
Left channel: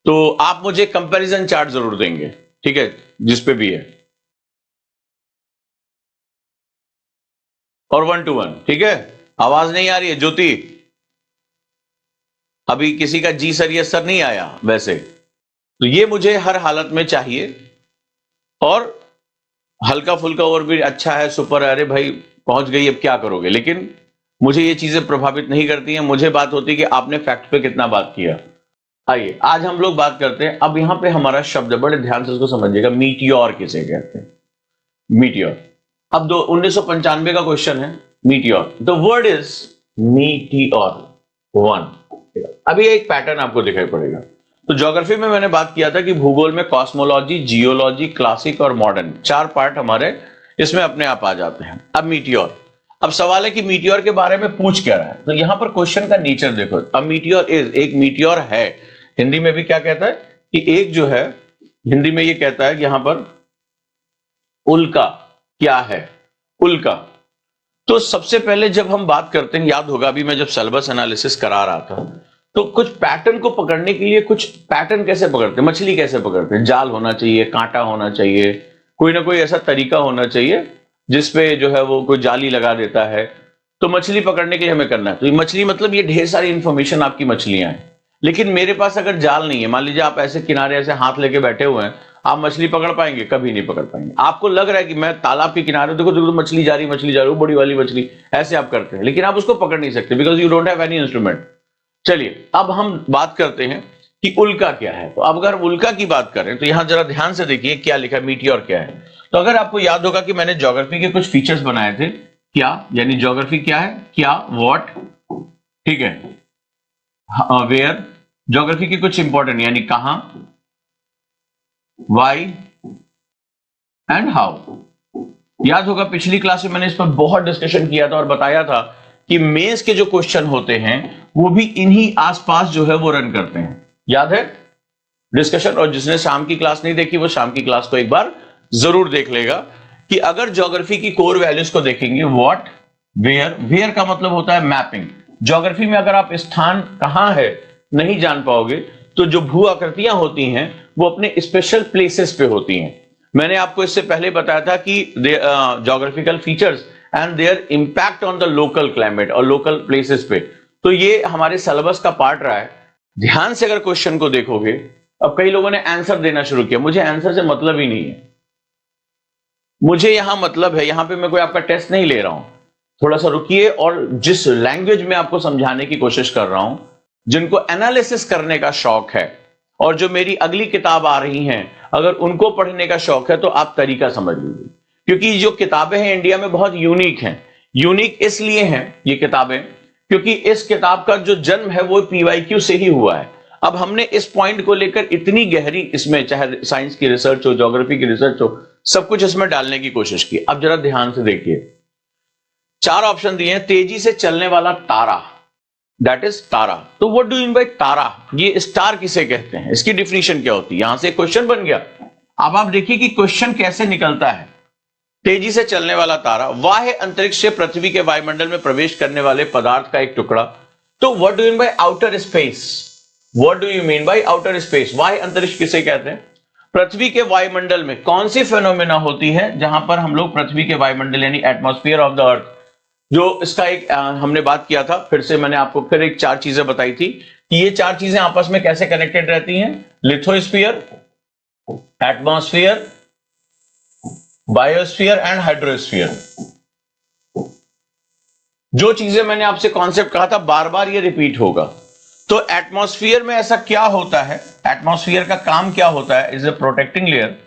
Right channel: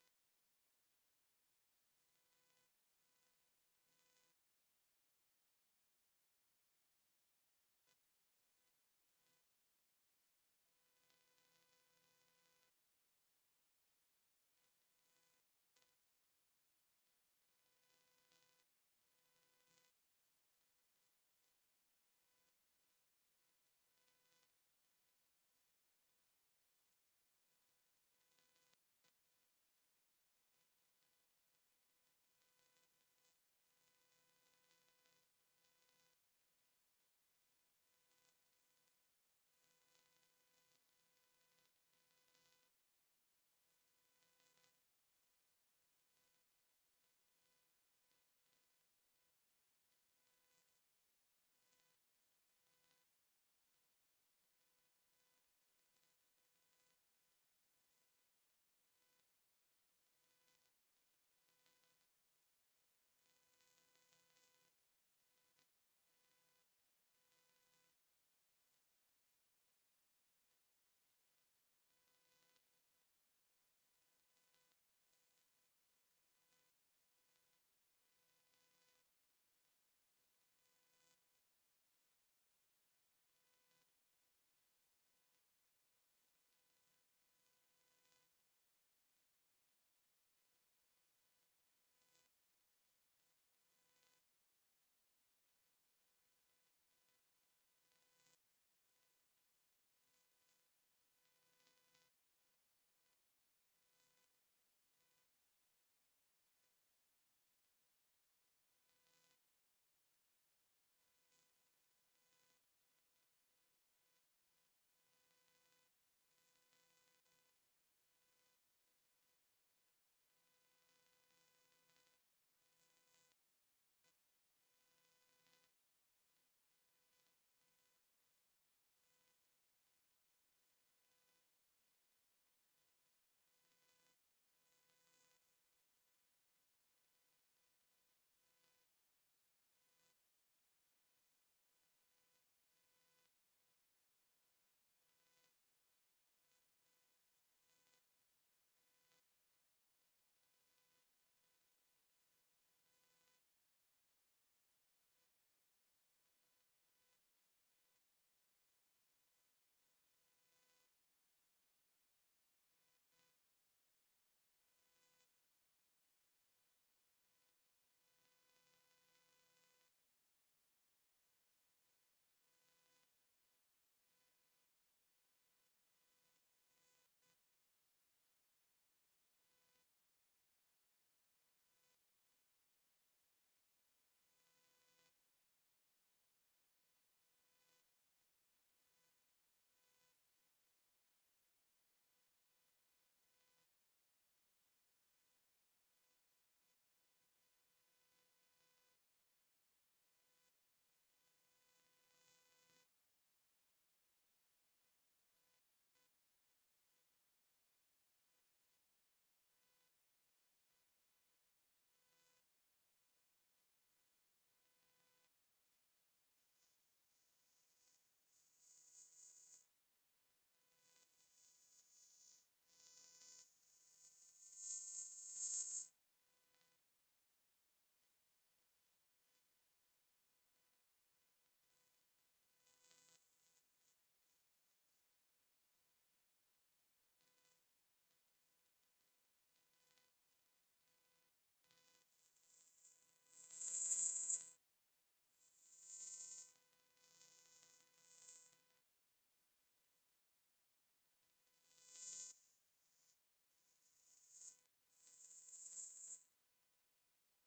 तो आप मुझे कंपैरिजन चार्ट जरूर देंगे, ठीक है, जिस पे भी है, और 1 to 1, ठीक है? आवाज नहीं आ रही है ज्योति? अभी किसी का जी सर यस सर नहीं आया वैसे। तो ये मुझे हर हालत में चाहिए। और हल्का फुल्का और भी अच्छा है, सुपर, अरे भाई पहुंच गई अब क्या करोगे, लेकिन मुझे ये चीजें प्रभावित नहीं करती हैं। मुझे बात होती है कि आपने फैक्ट पे कितना बात किया। आइए आज हम लोग बात करते हैं। अब यहां पे हमारा शब्द है, बड़े ध्यान से उसको समझिएगा, मीटियोर किसे कहते हैं? मीटियोर। अब 1995 का क्वेश्चन है, meteor. The word is meteor 1। अभी एक पैटर्न आपको दिखाई पड़ेगा। तो ज्योग्राफी में मैंने बात किया था कि भूगोल में कॉस्मोलॉजी, जियोलॉजी, क्लासिक और मॉडर्न 4 पार्ट हमारे इसमें अपने आप आ जाते हैं। अब मीटियोर, अब सवाल है कि मीटियोर के बारे में पूछ क्या रहा है। तो यहां पर क्वेश्चन का नेचर देखो। अब मीटियोर इज, एक मीटियोर है, हिंदी में भी क्या कहता है कि एक जो है, हिंदी में ये कहता है कि यहां पर उल्का क्या है, उल्का। तो सबसे पहले जब हम बात करते हैं, याद होगा अभी मैं जब सिलेबस एनालिसिस करा रहा था, तो कुछ पैटर्न को पकड़ने के लिए, कुछ पैटर्न कैसे पकड़ते हैं, मछली कैसे पकड़ते हैं, जाल होना चाहिए, कांटा होना चाहिए, कोई ना कोई ऐसा तरीका होना चाहिए जिसपे जो है वो कोई जाली लगा देता है। तो मछली पकड़ने के लिए हमें करना है, तो ये मछली मतलब ये ढेर सारी इंफॉर्मेशन आपकी मछलियां हैं। लेकिन मेरे पास अगर जाल नहीं है, मान लीजिए आप ऐसे किनारे ऐसे हाथ लेके बैठे हुए हैं, आप मछली पकड़ पाएंगे? कभी नहीं पकड़ पाएंगे। आपको लग रहा है कि मैं तालाब के किनारे, देखो देखो मछली जा रही, मछली जा रही, बड़ी वाली मछली, ऐसे आप करते हैं, लेकिन आप उसको पकड़ नहीं सकते because you don't have any instrument. चलिए अब हम बात करते हैं कि उल्का क्या है। तो अब अगर उल्का की बात करें तो यहां जरा ध्यान से देखिए क्या लिखा है, मीटियोर क्या है। तो अगर आपको याद होगा कि मैंने ज्योग्राफी के कुछ फीचर्स बनाए थे, क्या यानी ज्योग्राफी क्या है, क्या, व्हाट, ठीक है, वेयर, ज्योग्राफी के कुछ इंपॉर्टेंट यानी कहां, वाई एंड हाउ। याद होगा पिछली क्लास में मैंने इस पर बहुत डिस्कशन किया था और बताया था कि मेंस के जो क्वेश्चन होते हैं वो भी इन्हीं आसपास जो है वो रन करते हैं, याद है डिस्कशन? और जिसने शाम की क्लास नहीं देखी वो शाम की क्लास को एक बार जरूर देख लेगा। कि अगर ज्योग्राफी की कोर वैल्यूज को देखेंगे, व्हाट, वेयर, वेयर का मतलब होता है मैपिंग। ज्योग्राफी में अगर आप स्थान कहां है नहीं जान पाओगे, तो जो भू आकृतियां होती हैं वो अपने स्पेशल प्लेसेस पे होती हैं। मैंने आपको इससे पहले बताया था कि geographical features and their impact on the local climate और लोकल प्लेसेस पे। तो ये हमारे सिलेबस का पार्ट रहा है। ध्यान से अगर क्वेश्चन को देखोगे, अब कई लोगों ने आंसर देना शुरू किया, मुझे आंसर से मतलब ही नहीं है। मुझे यहां मतलब है, यहां पे मैं कोई आपका टेस्ट नहीं ले रहा हूं। थोड़ा सा रुकिए, और जिस लैंग्वेज में आपको समझाने की कोशिश कर रहा हूं, जिनको एनालिसिस करने का शौक है और जो मेरी अगली किताब आ रही हैं अगर उनको पढ़ने का शौक है तो आप तरीका समझ लीजिए। क्योंकि जो किताबें हैं इंडिया में बहुत यूनिक हैं। यूनिक इसलिए हैं ये किताबें क्योंकि इस किताब का जो जन्म है वो पीवाईक्यू से ही हुआ है। अब हमने इस पॉइंट को लेकर इतनी गहरी, इसमें चाहे साइंस की रिसर्च हो, ज्योग्राफी की रिसर्च हो, सब कुछ इसमें डालने की कोशिश की। अब जरा ध्यान से देखिए, 4 ऑप्शन दिए हैं। तेजी से चलने वाला तारा, दैट इज तारा। तो what do you mean by tara, ये स्टार किसे कहते हैं, इसकी डिफिनीशन क्या होती है? यहां से क्वेश्चन बन गया। अब आप देखिए कि क्वेश्चन कैसे निकलता है। तेजी से चलने वाला तारा, बाह्य अंतरिक्ष से पृथ्वी के वायुमंडल में प्रवेश करने वाले पदार्थ का एक टुकड़ा। तो what do you mean bye outer space, what do you mean bye outer space, बाह्य अंतरिक्ष किसे कहते हैं? पृथ्वी के वायुमंडल में कौन सी फेनोमेना होती है जहां पर हम लोग पृथ्वी के वायुमंडल यानी एटमॉस्फेयर ऑफ द अर्थ, जो इसका एक हमने बात किया था, फिर से मैंने आपको फिर एक 4 चीजें बताई थी कि ये 4 चीजें आपस में कैसे कनेक्टेड रहती हैं। Lithosphere, atmosphere, biosphere and hydrosphere. जो चीजें मैंने आपसे कॉन्सेप्ट कहा था बार बार ये रिपीट होगा। तो एटमॉस्फेयर में ऐसा क्या होता है, एटमॉस्फेयर का काम क्या होता है? इज ए प्रोटेक्टिंग लेयर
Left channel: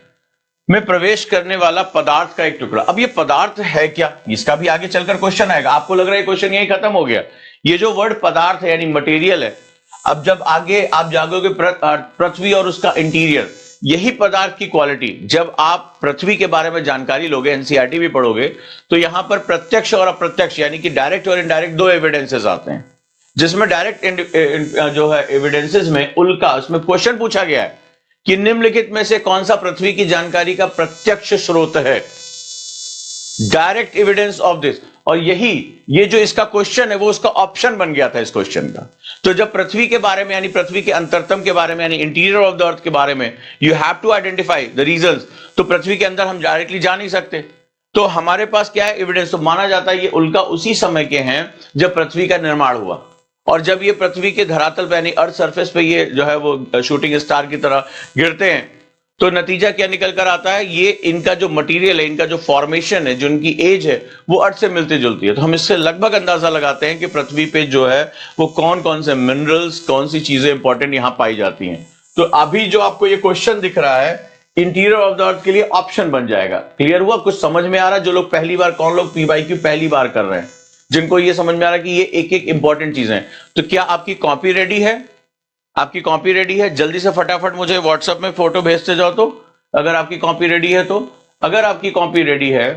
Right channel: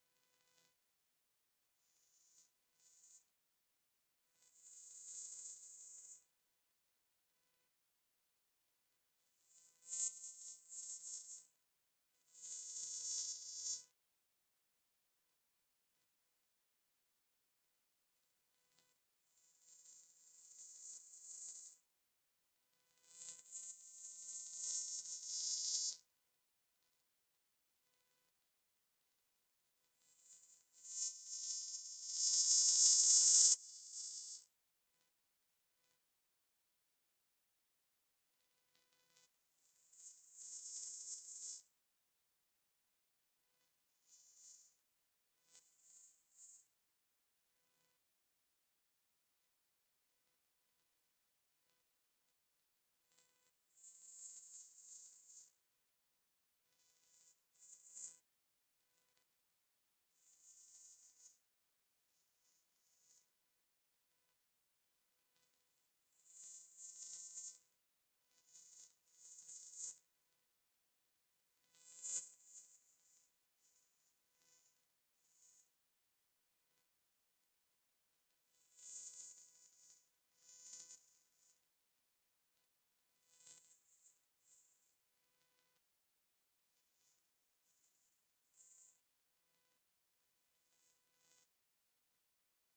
में प्रवेश करने वाला पदार्थ का एक टुकड़ा। अब ये पदार्थ है क्या, इसका भी आगे चलकर क्वेश्चन आएगा। आपको लग रहा है क्वेश्चन यही खत्म हो गया? ये जो वर्ड पदार्थ है यानी मटेरियल है, अब जब आगे आप जागोगे पृथ्वी और उसका इंटीरियर, यही पदार्थ की क्वालिटी, जब आप पृथ्वी के बारे में जानकारी लोगे, एनसीईआरटी भी पढ़ोगे, तो यहां पर प्रत्यक्ष और अप्रत्यक्ष यानी कि डायरेक्ट और इनडायरेक्ट दो एविडेंसेस आते हैं। जिसमें डायरेक्ट जो है एविडेंसेस में उल्का, उसमें क्वेश्चन पूछा गया है कि निम्नलिखित में से कौन सा पृथ्वी की जानकारी का प्रत्यक्ष स्रोत है, डायरेक्ट एविडेंस ऑफ दिस। और ये जो इसका क्वेश्चन है वो उसका ऑप्शन बन गया था इस क्वेश्चन का। तो जब पृथ्वी के बारे में यानी पृथ्वी के अंतरतम के बारे में यानी इंटीरियर ऑफ द अर्थ के बारे में you have to identify the reasons, तो पृथ्वी के अंदर हम डायरेक्टली जा नहीं सकते, तो हमारे पास क्या है एविडेंस। तो माना जाता है ये उल्का उसी समय के हैं जब पृथ्वी का निर्माण हुआ, और जब ये पृथ्वी के धरातल पे यानी अर्थ सरफेस पे ये जो है वो शूटिंग स्टार की तरह गिरते हैं, तो नतीजा क्या निकल कर आता है, ये इनका जो मटेरियल है, इनका जो फॉर्मेशन है, जो इनकी एज है, वो अर्थ से मिलती जुलती है। तो हम इससे लगभग अंदाजा लगाते हैं कि पृथ्वी पे जो है वो कौन कौन से मिनरल्स, कौन सी चीजें इंपॉर्टेंट यहां पाई जाती हैं। तो अभी जो आपको ये क्वेश्चन दिख रहा है इंटीरियर ऑफ द अर्थ के लिए ऑप्शन बन जाएगा। क्लियर हुआ? कुछ समझ में आ रहा है? जो लोग पहली बार, कौन लोग पीवाईक्यू पहली बार कर रहे हैं, जिनको ये समझ में आ रहा है कि ये एक एक इंपॉर्टेंट चीजें हैं। तो क्या आपकी कॉपी रेडी है? आपकी कॉपी रेडी है? जल्दी से फटाफट मुझे व्हाट्सएप में फोटो भेजते जाओ। तो अगर आपकी कॉपी रेडी है, तो अगर आपकी कॉपी रेडी है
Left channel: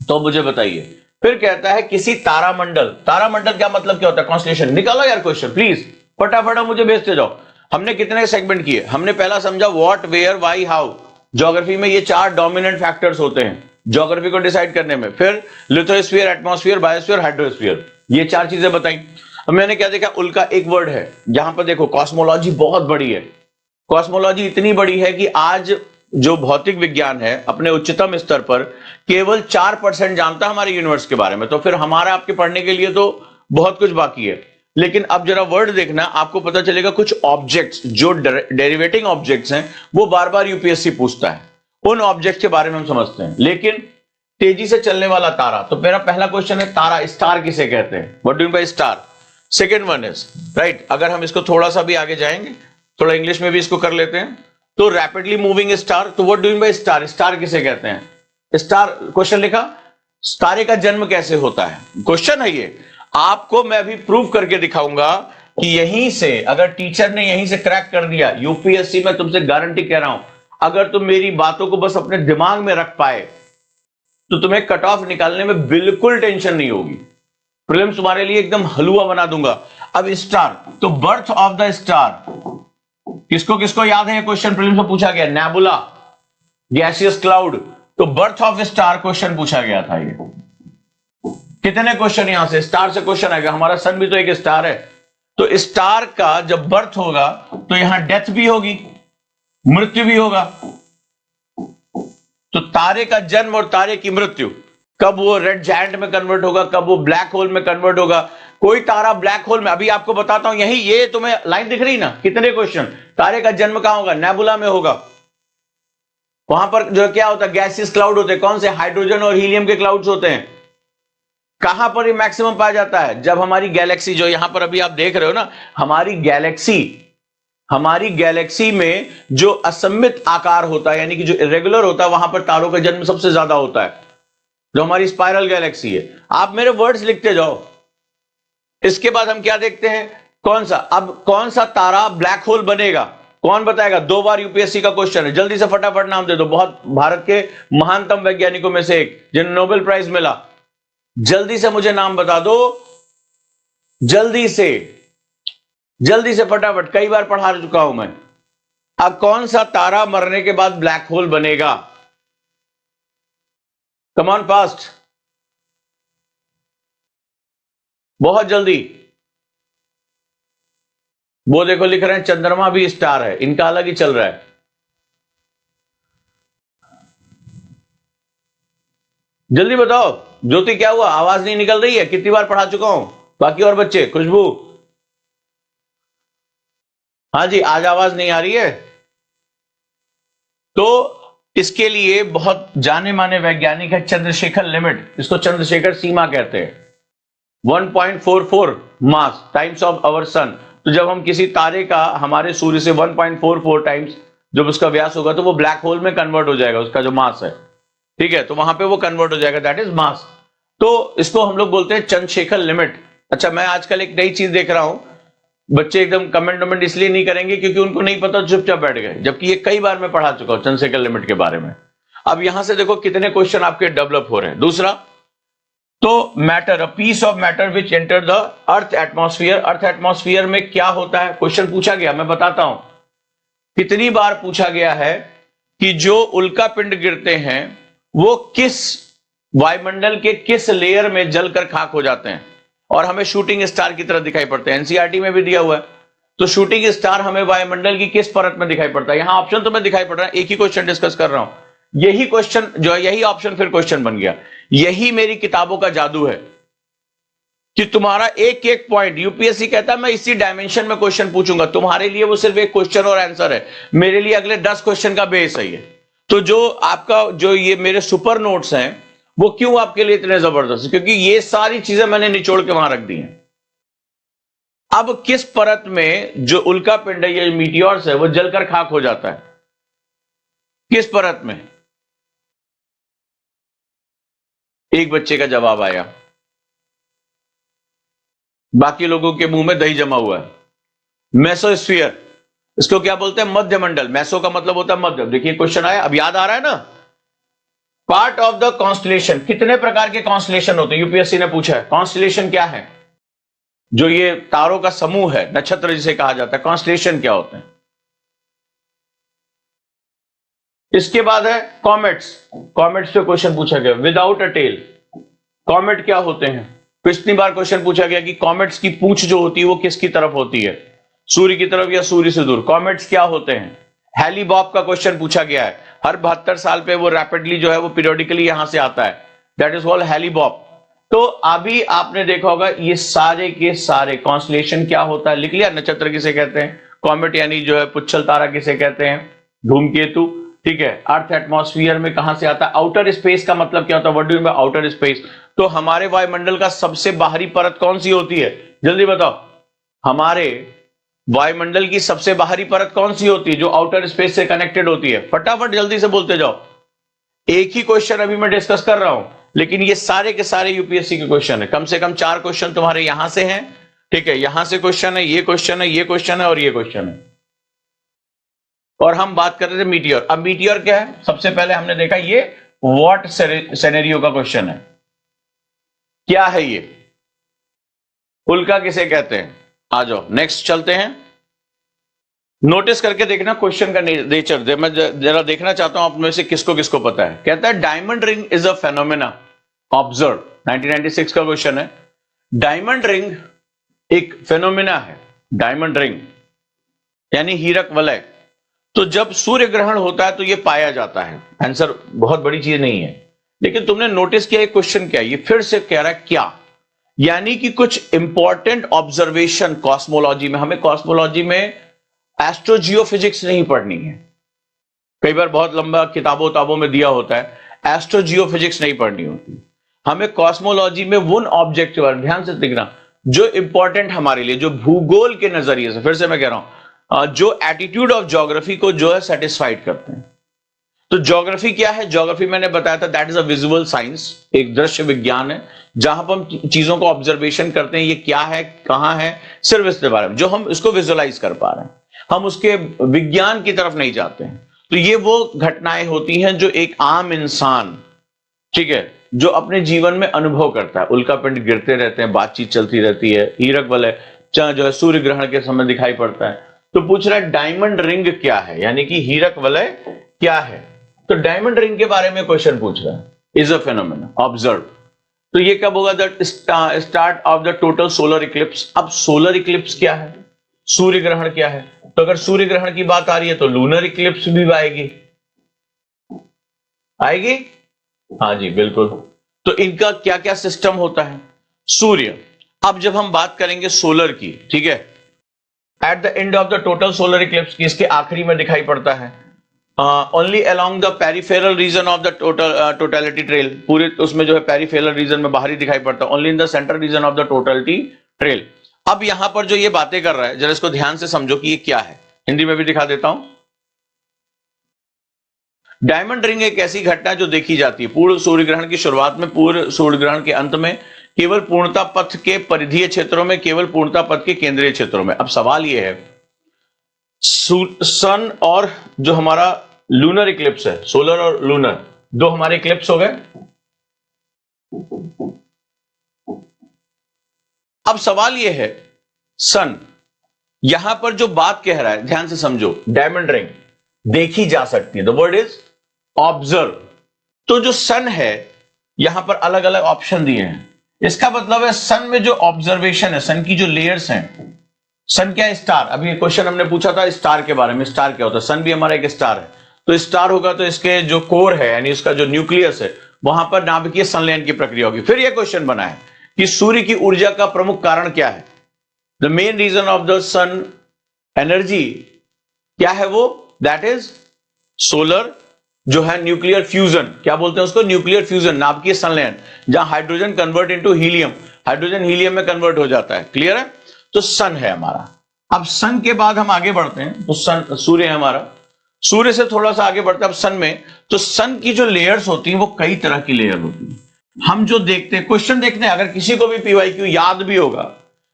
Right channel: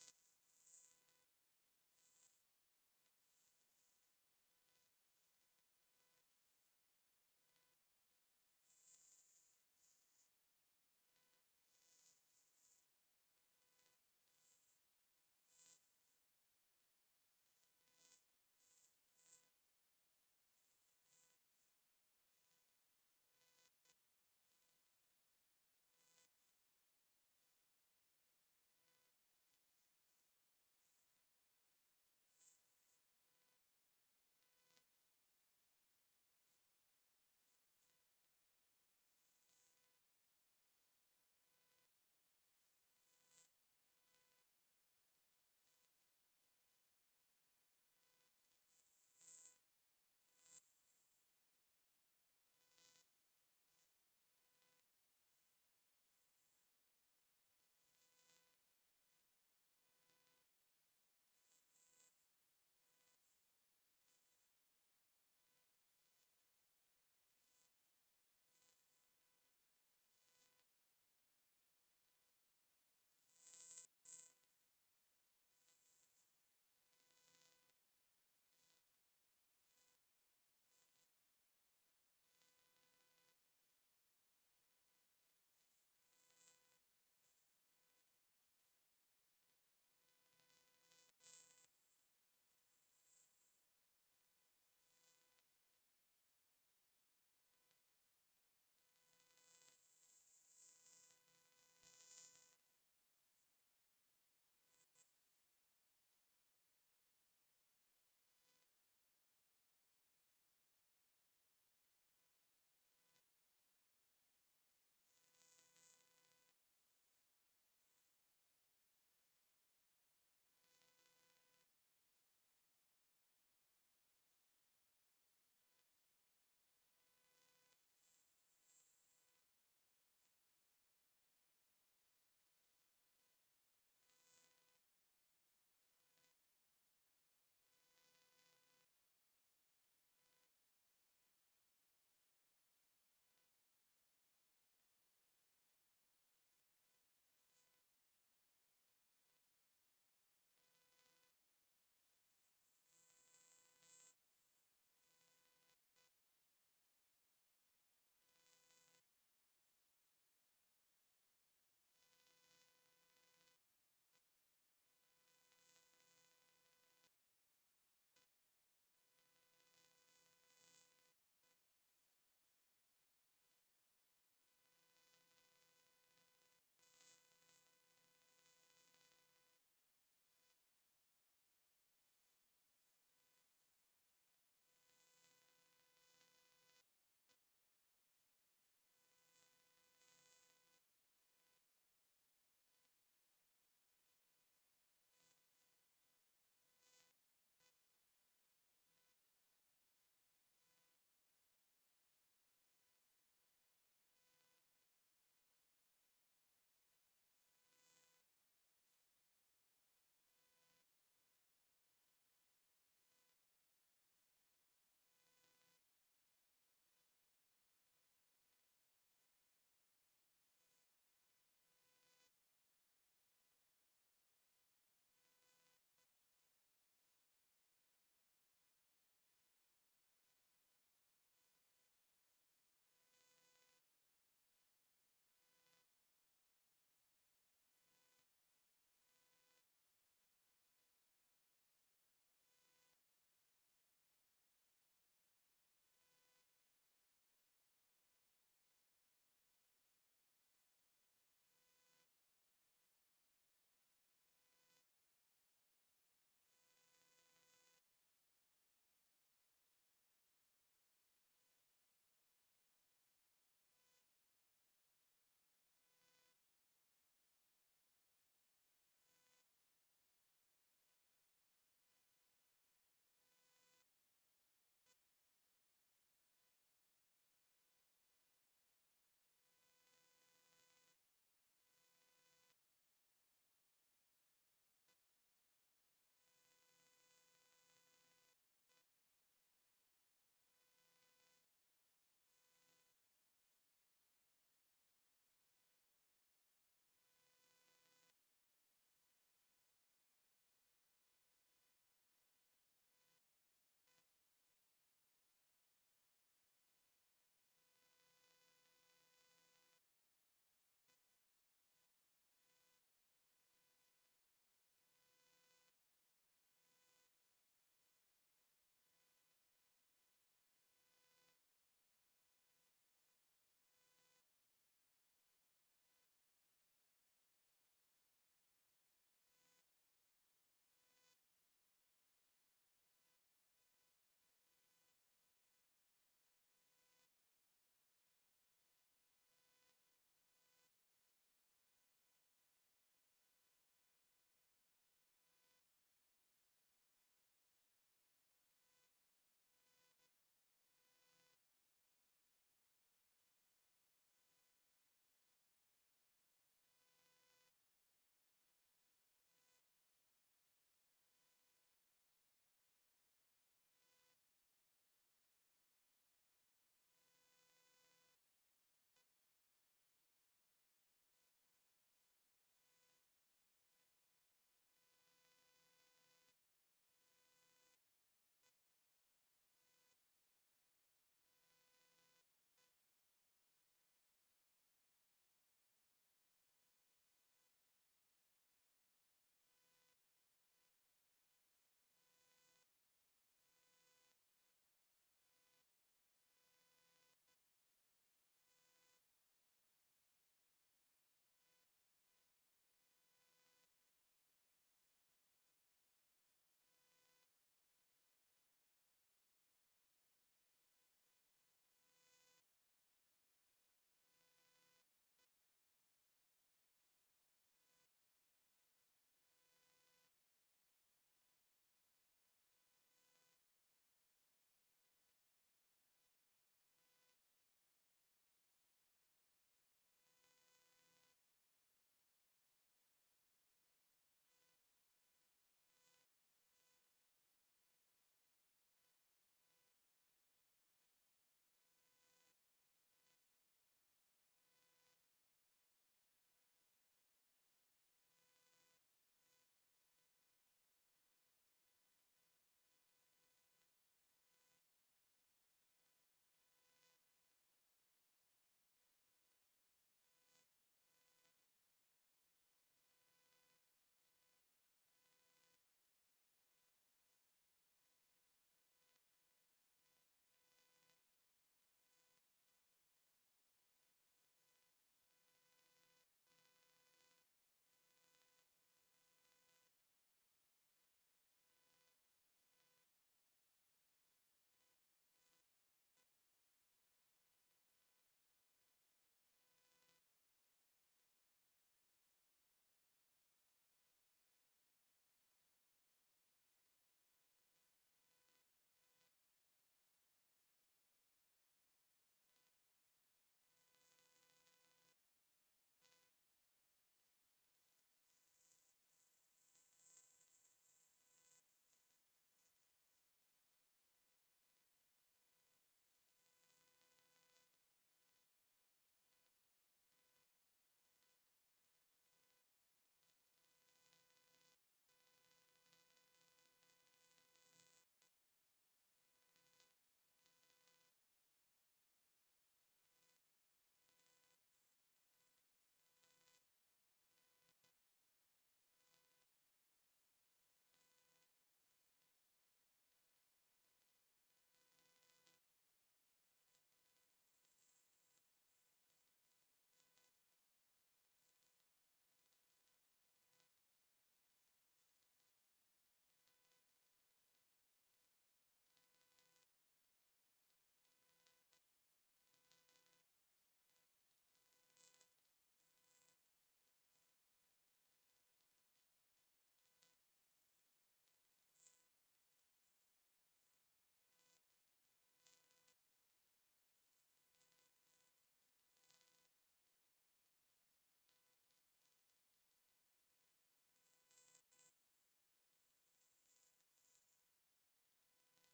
तो मुझे बताइए। फिर कहता है किसी तारामंडल, तारामंडल क्या मतलब क्या होता है? कॉन्स्टेलेशन। निकालो यार क्वेश्चन प्लीज, फटाफट मुझे भेजते जाओ। हमने कितने सेगमेंट किए? हमने पहला समझा what, where, why, how. Geography में ये 4 डोमिनेंट फैक्टर्स होते हैं ज्योग्राफी को डिसाइड करने में। फिर लिथोस्फीयर, एटमॉस्फेयर, बायोस्फीयर, हाइड्रोस्फीयर, ये 4 चीजें बताई। अब मैंने क्या देखा, उल्का एक वर्ड है। जहां पर देखो कॉस्मोलॉजी बहुत बड़ी है, कॉस्मोलॉजी इतनी बड़ी है कि आज जो भौतिक विज्ञान है अपने उच्चतम स्तर पर केवल 4% जानता है हमारे यूनिवर्स के बारे में। तो फिर हमारा आपके पढ़ने के लिए तो बहुत कुछ बाकी है। लेकिन अब जरा वर्ड देखना, आपको पता चलेगा कुछ ऑब्जेक्ट्स जो डेरिवेटिंग ऑब्जेक्ट्स हैं वो बार बार यूपीएससी पूछता है, उन ऑब्जेक्ट के बारे में हम समझते हैं। लेकिन तेजी से चलने वाला तारा, तो मेरा पहला क्वेश्चन है तारा, स्टार किसे कहते हैं? What do you mean by star? Second one is right. अगर हम इसको थोड़ा सा भी आगे जाएंगे, थोड़ा इंग्लिश में भी इसको कर लेते हैं, तो रैपिडली मूविंग स्टार। तो what do you mean by star? Star किसे कहते हैं? स्टार, क्वेश्चन लिखा, तारे का जन्म कैसे होता है, क्वेश्चन है ये। आपको मैं अभी प्रूव करके दिखाऊंगा कि यहीं से, अगर टीचर ने यहीं से क्रैक कर दिया, यूपीएससी में तुमसे गारंटी कह रहा हूं, अगर तुम मेरी बातों को बस अपने दिमाग में रख पाए तो तुम्हें कट ऑफ निकालने में बिल्कुल टेंशन नहीं होगी। प्रीलिम्स तुम्हारे लिए एकदम हलवा बना दूंगा। अब स्टार, तो बर्थ ऑफ द स्टार, किसको किसको याद है ये क्वेश्चन प्रीलिम्स में पूछा गया? Nebula, gaseous cloud. तो बर्थ ऑफ स्टार क्वेश्चन पूछा गया था। ये कितने क्वेश्चन यहां से स्टार से क्वेश्चन आएगा? हमारा सन भी तो एक स्टार है। तो स्टार का जब बर्थ होगा तो यहां डेथ भी होगी, मृत्यु भी होगा। तो तारे का जन्म और तारे की मृत्यु, कब वो रेड जायंट में कन्वर्ट होगा, कब वो ब्लैक होल में कन्वर्ट होगा। कोई तारा ब्लैक होल में, अभी आपको बताता हूं, यही ये तुम्हें लाइन दिख रही ना, कितने क्वेश्चन। तारे का जन्म कहां होगा? नेबुला में होगा। वहां पर जो क्या होता है, गैसियस क्लाउड होते हैं। कौन से? हाइड्रोजन और हीलियम के क्लाउड्स होते हैं। कहां पर ये मैक्सिमम पाया जाता है? जब हमारी गैलेक्सी, जो यहां पर अभी आप देख रहे हो ना, हमारी गैलेक्सी में जो असममित आकार होता है यानी कि जो इरेगुलर होता है, वहां पर तारों का जन्म सबसे ज्यादा होता है, जो हमारी स्पाइरल गैलेक्सी है। आप मेरे वर्ड्स लिखते जाओ। इसके बाद हम क्या देखते हैं, कौन सा, अब कौन सा तारा ब्लैक होल बनेगा, कौन बताएगा? 2 बार यूपीएससी का क्वेश्चन है। जल्दी से फटाफट नाम दे दो। बहुत भारत के महानतम वैज्ञानिकों में से एक, जिन्हें नोबेल प्राइज मिला। जल्दी से मुझे नाम बता दो, जल्दी से फटाफट, कई बार पढ़ा चुका हूं मैं। अब कौन सा तारा मरने के बाद ब्लैक होल बनेगा? कम ऑन फास्ट, बहुत जल्दी। वो देखो लिख रहे हैं चंद्रमा भी स्टार है, इनका अलग ही चल रहा है। जल्दी बताओ ज्योति, क्या हुआ? आवाज नहीं निकल रही है? कितनी बार पढ़ा चुका हूं। बाकी और बच्चे, खुशबू, हाँ जी, आज आवाज नहीं आ रही है। तो इसके लिए बहुत जाने माने वैज्ञानिक है चंद्रशेखर लिमिट, इसको चंद्रशेखर सीमा कहते हैं। 1.44 मास टाइम्स ऑफ आवर सन। तो जब हम किसी तारे का हमारे सूर्य से 1.44 टाइम्स जब उसका व्यास होगा तो वो ब्लैक होल में कन्वर्ट हो जाएगा, उसका जो मास है, ठीक है, तो वहां पे वो कन्वर्ट हो जाएगा, दैट इज मास। तो इसको हम लोग बोलते हैं चंद्रशेखर लिमिट। अच्छा, मैं आजकल एक नई चीज देख रहा हूं, बच्चे एकदम कमेंट वमेंट इसलिए नहीं करेंगे क्योंकि उनको नहीं पता, चुपचाप बैठ गए, जबकि ये कई बार मैं पढ़ा चुका हूं चंद्रशेखर लिमिट के बारे में। अब यहां से देखो कितने क्वेश्चन आपके डेवलप हो रहे हैं। दूसरा, तो matter, a piece of matter which enter the earth atmosphere. Earth atmosphere में क्या होता है, क्वेश्चन पूछा गया, मैं बताता हूं कितनी बार पूछा गया है कि जो उल्का पिंड गिरते हैं वो किस वायुमंडल के किस लेयर में जलकर खाक हो जाते हैं और हमें शूटिंग स्टार की तरह दिखाई पड़ते हैं। एनसीईआरटी में भी दिया हुआ है। तो शूटिंग स्टार हमें वायुमंडल की किस परत में दिखाई पड़ता है। यहां ऑप्शन तो मैं दिखाई पड़ रहा है, एक ही क्वेश्चन डिस्कस कर रहा हूं। यही क्वेश्चन जो है, यही ऑप्शन फिर क्वेश्चन बन गया। यही मेरी किताबों का जादू है कि तुम्हारा एक एक पॉइंट, यूपीएससी कहता है मैं इसी डायमेंशन में क्वेश्चन पूछूंगा, तुम्हारे लिए वो सिर्फ एक क्वेश्चन और आंसर है, मेरे लिए अगले 10 क्वेश्चन का बेस है ये। तो जो आपका जो ये मेरे सुपर नोट्स हैं वो क्यों आपके लिए इतने जबरदस्त, क्योंकि ये सारी चीजें मैंने निचोड़ के वहां रख दी हैं। अब किस परत में जो उल्का पिंड है, ये मीटियोर्स है, वो जलकर खाक हो जाता है, किस परत में? एक बच्चे का जवाब आया, बाकी लोगों के मुंह में दही जमा हुआ है। मेसोस्फीयर, इसको क्या बोलते हैं? मध्यमंडल। मेसो का मतलब होता है मध्य। देखिए क्वेश्चन आया, अब याद आ रहा है ना। पार्ट ऑफ द कॉन्स्टलेशन, कितने प्रकार के कॉन्स्टलेशन होते हैं, यूपीएससी ने पूछा है। कॉन्स्टलेशन क्या है? जो ये तारों का समूह है, नक्षत्र जिसे कहा जाता है, कॉन्स्टलेशन क्या होते हैं। इसके बाद है कॉमेट्स। कॉमेट्स पे क्वेश्चन पूछा गया, विदाउट अ टेल। कॉमेट क्या होते हैं? पिछली बार क्वेश्चन पूछा गया कि कॉमेट्स की पूंछ जो होती है वो किसकी तरफ होती है, सूर्य की तरफ या सूर्य से दूर। कॉमेट्स क्या होते हैं? हैली-बॉब का क्वेश्चन पूछा गया है, हर 72 साल पे वो रैपिडली जो है वो पीरियोडिकली यहां से आता है, दैट इज कॉल्ड हैली-बॉब। तो अभी आपने देखा होगा ये सारे के सारे कॉन्स्टलेशन क्या होता है लिख लिया। नक्षत्र किसे कहते हैं, कॉमेट यानी जो है पुच्छल तारा किसे कहते हैं, धूमकेतु, ठीक है। अर्थ एटमॉस्फेयर में कहां से आता है? आउटर स्पेस का मतलब क्या होता है, what do you mean bye outer space? तो हमारे वायुमंडल का सबसे बाहरी परत कौन सी होती है, जल्दी बताओ। हमारे वायुमंडल की सबसे बाहरी परत कौन सी होती है जो आउटर स्पेस से कनेक्टेड होती है? फटाफट जल्दी से बोलते जाओ। एक ही क्वेश्चन अभी मैं डिस्कस कर रहा हूं, लेकिन ये सारे के सारे यूपीएससी के क्वेश्चन है। कम से कम 4 क्वेश्चन तुम्हारे यहां से हैं, ठीक है। यहां से क्वेश्चन है, ये क्वेश्चन है, ये क्वेश्चन है और ये क्वेश्चन है। और हम बात कर रहे थे मीटियोर। अब मीटियोर क्या है? सबसे पहले हमने देखा ये व्हाट सिनेरियो का क्वेश्चन है। क्या है ये? उल्का किसे कहते हैं? आ जाओ नेक्स्ट चलते हैं। नोटिस करके देखना क्वेश्चन का नेचर, मैं जरा देखना चाहता हूं आप में से किसको किसको पता है। कहता है diamond ring is a phenomena observe. 1996 का क्वेश्चन है। डायमंड रिंग एक फेनोमेना है, डायमंड रिंग यानी हीरक वलय। तो जब सूर्य ग्रहण होता है तो यह पाया जाता है। आंसर बहुत बड़ी चीज नहीं है, लेकिन तुमने नोटिस किया एक क्वेश्चन क्या है, ये फिर से कह रहा है क्या, यानी कि कुछ इंपॉर्टेंट ऑब्जर्वेशन कॉस्मोलॉजी में। हमें कॉस्मोलॉजी में एस्ट्रोजियोफिजिक्स नहीं पढ़नी है, कई बार बहुत लंबा किताबों में दिया होता है, एस्ट्रोजियोफिजिक्स नहीं पढ़नी होती। हमें कॉस्मोलॉजी में उन ऑब्जेक्ट पर ध्यान से देखना जो इंपॉर्टेंट हमारे लिए, जो भूगोल के नजरिए से, फिर से मैं कह रहा हूं, जो एटीट्यूड ऑफ ज्योग्राफी को जो है सेटिस्फाइड करते हैं। तो ज्योग्राफी क्या है? ज्योग्राफी मैंने बताया था that is a visual science, एक दृश्य विज्ञान है जहां पर हम चीजों को ऑब्जर्वेशन करते हैं, ये क्या है, कहां है, सिर्फ इसके बारे में जो हम इसको विजुअलाइज कर पा रहे हैं, हम उसके विज्ञान की तरफ नहीं जाते हैं। तो ये वो घटनाएं होती हैं जो एक आम इंसान, ठीक है, जो अपने जीवन में अनुभव करता है। उल्का पिंड गिरते रहते हैं, बातचीत चलती रहती है, हीरक वलय जो है सूर्य ग्रहण के समय दिखाई पड़ता है। तो पूछ रहा है डायमंड रिंग क्या है, यानी कि हीरक वलय क्या है। तो डायमंड रिंग के बारे में क्वेश्चन पूछ रहा है, इज अ फेनोमेना ऑब्जर्व। तो ये कब होगा? The start of the total solar Eclipse. अब सोलर इक्लिप्स क्या है, सूर्य ग्रहण क्या है? तो अगर सूर्य ग्रहण की बात आ रही है तो लूनर इक्लिप्स भी आएगी, आएगी, हाँ जी बिल्कुल। तो इनका क्या क्या सिस्टम होता है? सूर्य, अब जब हम बात करेंगे सोलर की, ठीक है, at the end of the total solar eclipse की, इसके आखिरी में दिखाई पड़ता है only along the peripheral region of the totality trail. पूरे उसमें जो है पेरिफेरल रीजन में बाहरी दिखाई पड़ता है, only in the central region of the totality trail. अब यहां पर जो ये बातें कर रहा है, जरा इसको ध्यान से समझो कि ये क्या है। हिंदी में भी दिखा देता हूं। डायमंड रिंग एक ऐसी घटना जो देखी जाती है पूर्ण सूर्य ग्रहण की शुरुआत में, पूर्ण सूर्य ग्रहण के अंत में, केवल पूर्णता पथ के परिधीय क्षेत्रों में, केवल पूर्णता पथ के केंद्रीय क्षेत्रों में। अब सवाल यह है, सन और जो हमारा लूनर इक्लिप्स है, सोलर और लूनर, दो हमारे इक्लिप्स हो गए। अब सवाल यह है, सन यहां पर जो बात कह रहा है, ध्यान से समझो, डायमंड रिंग देखी जा सकती है, द वर्ड इज ऑब्जर्व। तो जो सन है, यहां पर अलग अलग ऑप्शन दिए हैं, इसका मतलब है सन में जो ऑब्जर्वेशन है, सन की जो लेयर्स हैं, सन क्या है? स्टार। अभी क्वेश्चन हमने पूछा था स्टार के बारे में, स्टार क्या होता है? सन भी हमारा एक स्टार है। तो स्टार होगा तो इसके जो कोर है, यानी इसका जो न्यूक्लियस है, वहां पर नाभिकीय संलयन की प्रक्रिया होगी। फिर यह क्वेश्चन बना है कि सूर्य की ऊर्जा का प्रमुख कारण क्या है? The main reason of the sun energy क्या है? वो दैट इज सोलर, जो है न्यूक्लियर फ्यूजन। क्या बोलते हैं उसको? न्यूक्लियर फ्यूजन, नाभिकीय संलयन, जहां hydrogen convert into helium, hydrogen helium में कन्वर्ट हो जाता है। क्लियर है? तो सन है हमारा। अब सन के बाद हम आगे बढ़ते हैं, तो सन, सूर्य है हमारा। सूर्य से थोड़ा सा आगे बढ़ते हैं अब सन में। तो सन की जो लेयर्स होती हैं वो कई तरह की लेयर होती है। हम जो देखते हैं, क्वेश्चन देखते हैं, अगर किसी को भी पीवाईक्यू याद भी होगा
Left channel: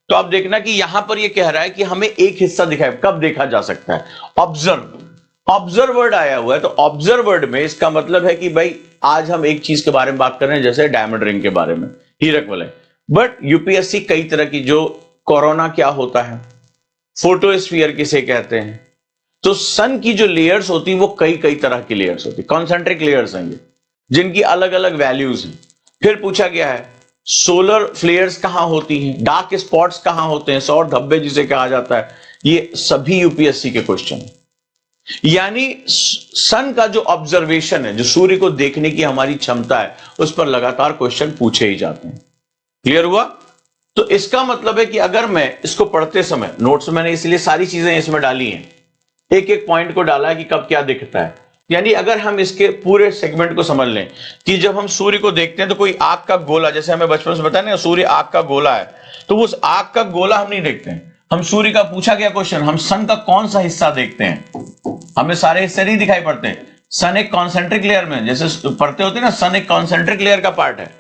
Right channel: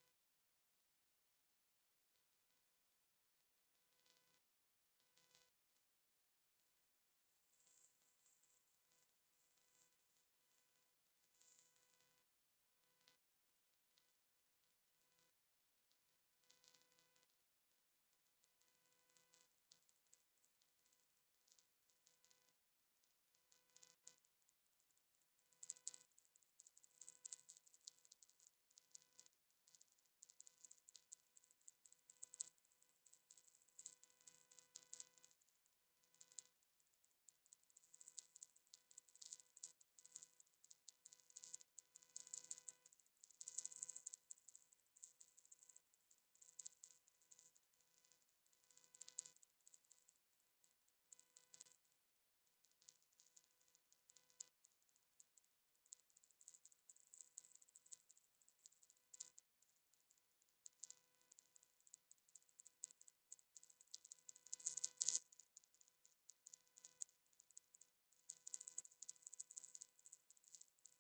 तो आप देखना कि यहां पर ये कह रहा है कि हमें एक हिस्सा दिखाए। कब देखा जा सकता है? ऑब्जर्व। ऑब्जर्व वर्ड आया हुआ है, तो ऑब्जर्व वर्ड में इसका मतलब है कि भाई आज हम एक चीज के बारे में बात कर रहे हैं, जैसे डायमंड रिंग के बारे में, हीरक वलय। बट यूपीएससी कई तरह की, जो कोरोना क्या होता है, फोटोस्फीयर किसे कहते हैं, तो सन की जो लेयर्स होती हैं वो कई कई तरह की लेयर्स होती है, कॉन्सेंट्रिक लेयर्स हैं जिनकी अलग अलग वैल्यूज हैं। फिर पूछा गया है सोलर फ्लेयर्स कहां होती हैं, डार्क स्पॉट्स कहां होते हैं, सौर धब्बे जिसे कहा जाता है। ये सभी यूपीएससी के क्वेश्चन है। यानी सन का जो ऑब्जर्वेशन है, जो सूर्य को देखने की हमारी क्षमता है, उस पर लगातार क्वेश्चन पूछे ही जाते हैं। क्लियर हुआ? तो इसका मतलब है कि अगर मैं इसको पढ़ते समय, नोट्स मैंने इसलिए सारी चीजें इसमें डाली हैं, एक एक पॉइंट को डाला है कि कब क्या दिखता है। यानी अगर हम इसके पूरे सेगमेंट को समझ लें कि जब हम सूर्य को देखते हैं तो कोई आग का गोला, जैसे हमें बचपन से बताया ना सूर्य आग का गोला है, तो उस आग का गोला हम नहीं देखते हैं। हम सूर्य का पूछा गया क्वेश्चन, हम सन का कौन सा हिस्सा देखते हैं? हमें सारे हिस्से नहीं दिखाई पड़ते। सन एक कॉन्सेंट्रिक लेयर में, जैसे पढ़ते होते हैं ना, सन एक कॉन्सेंट्रिक लेयर का पार्ट है,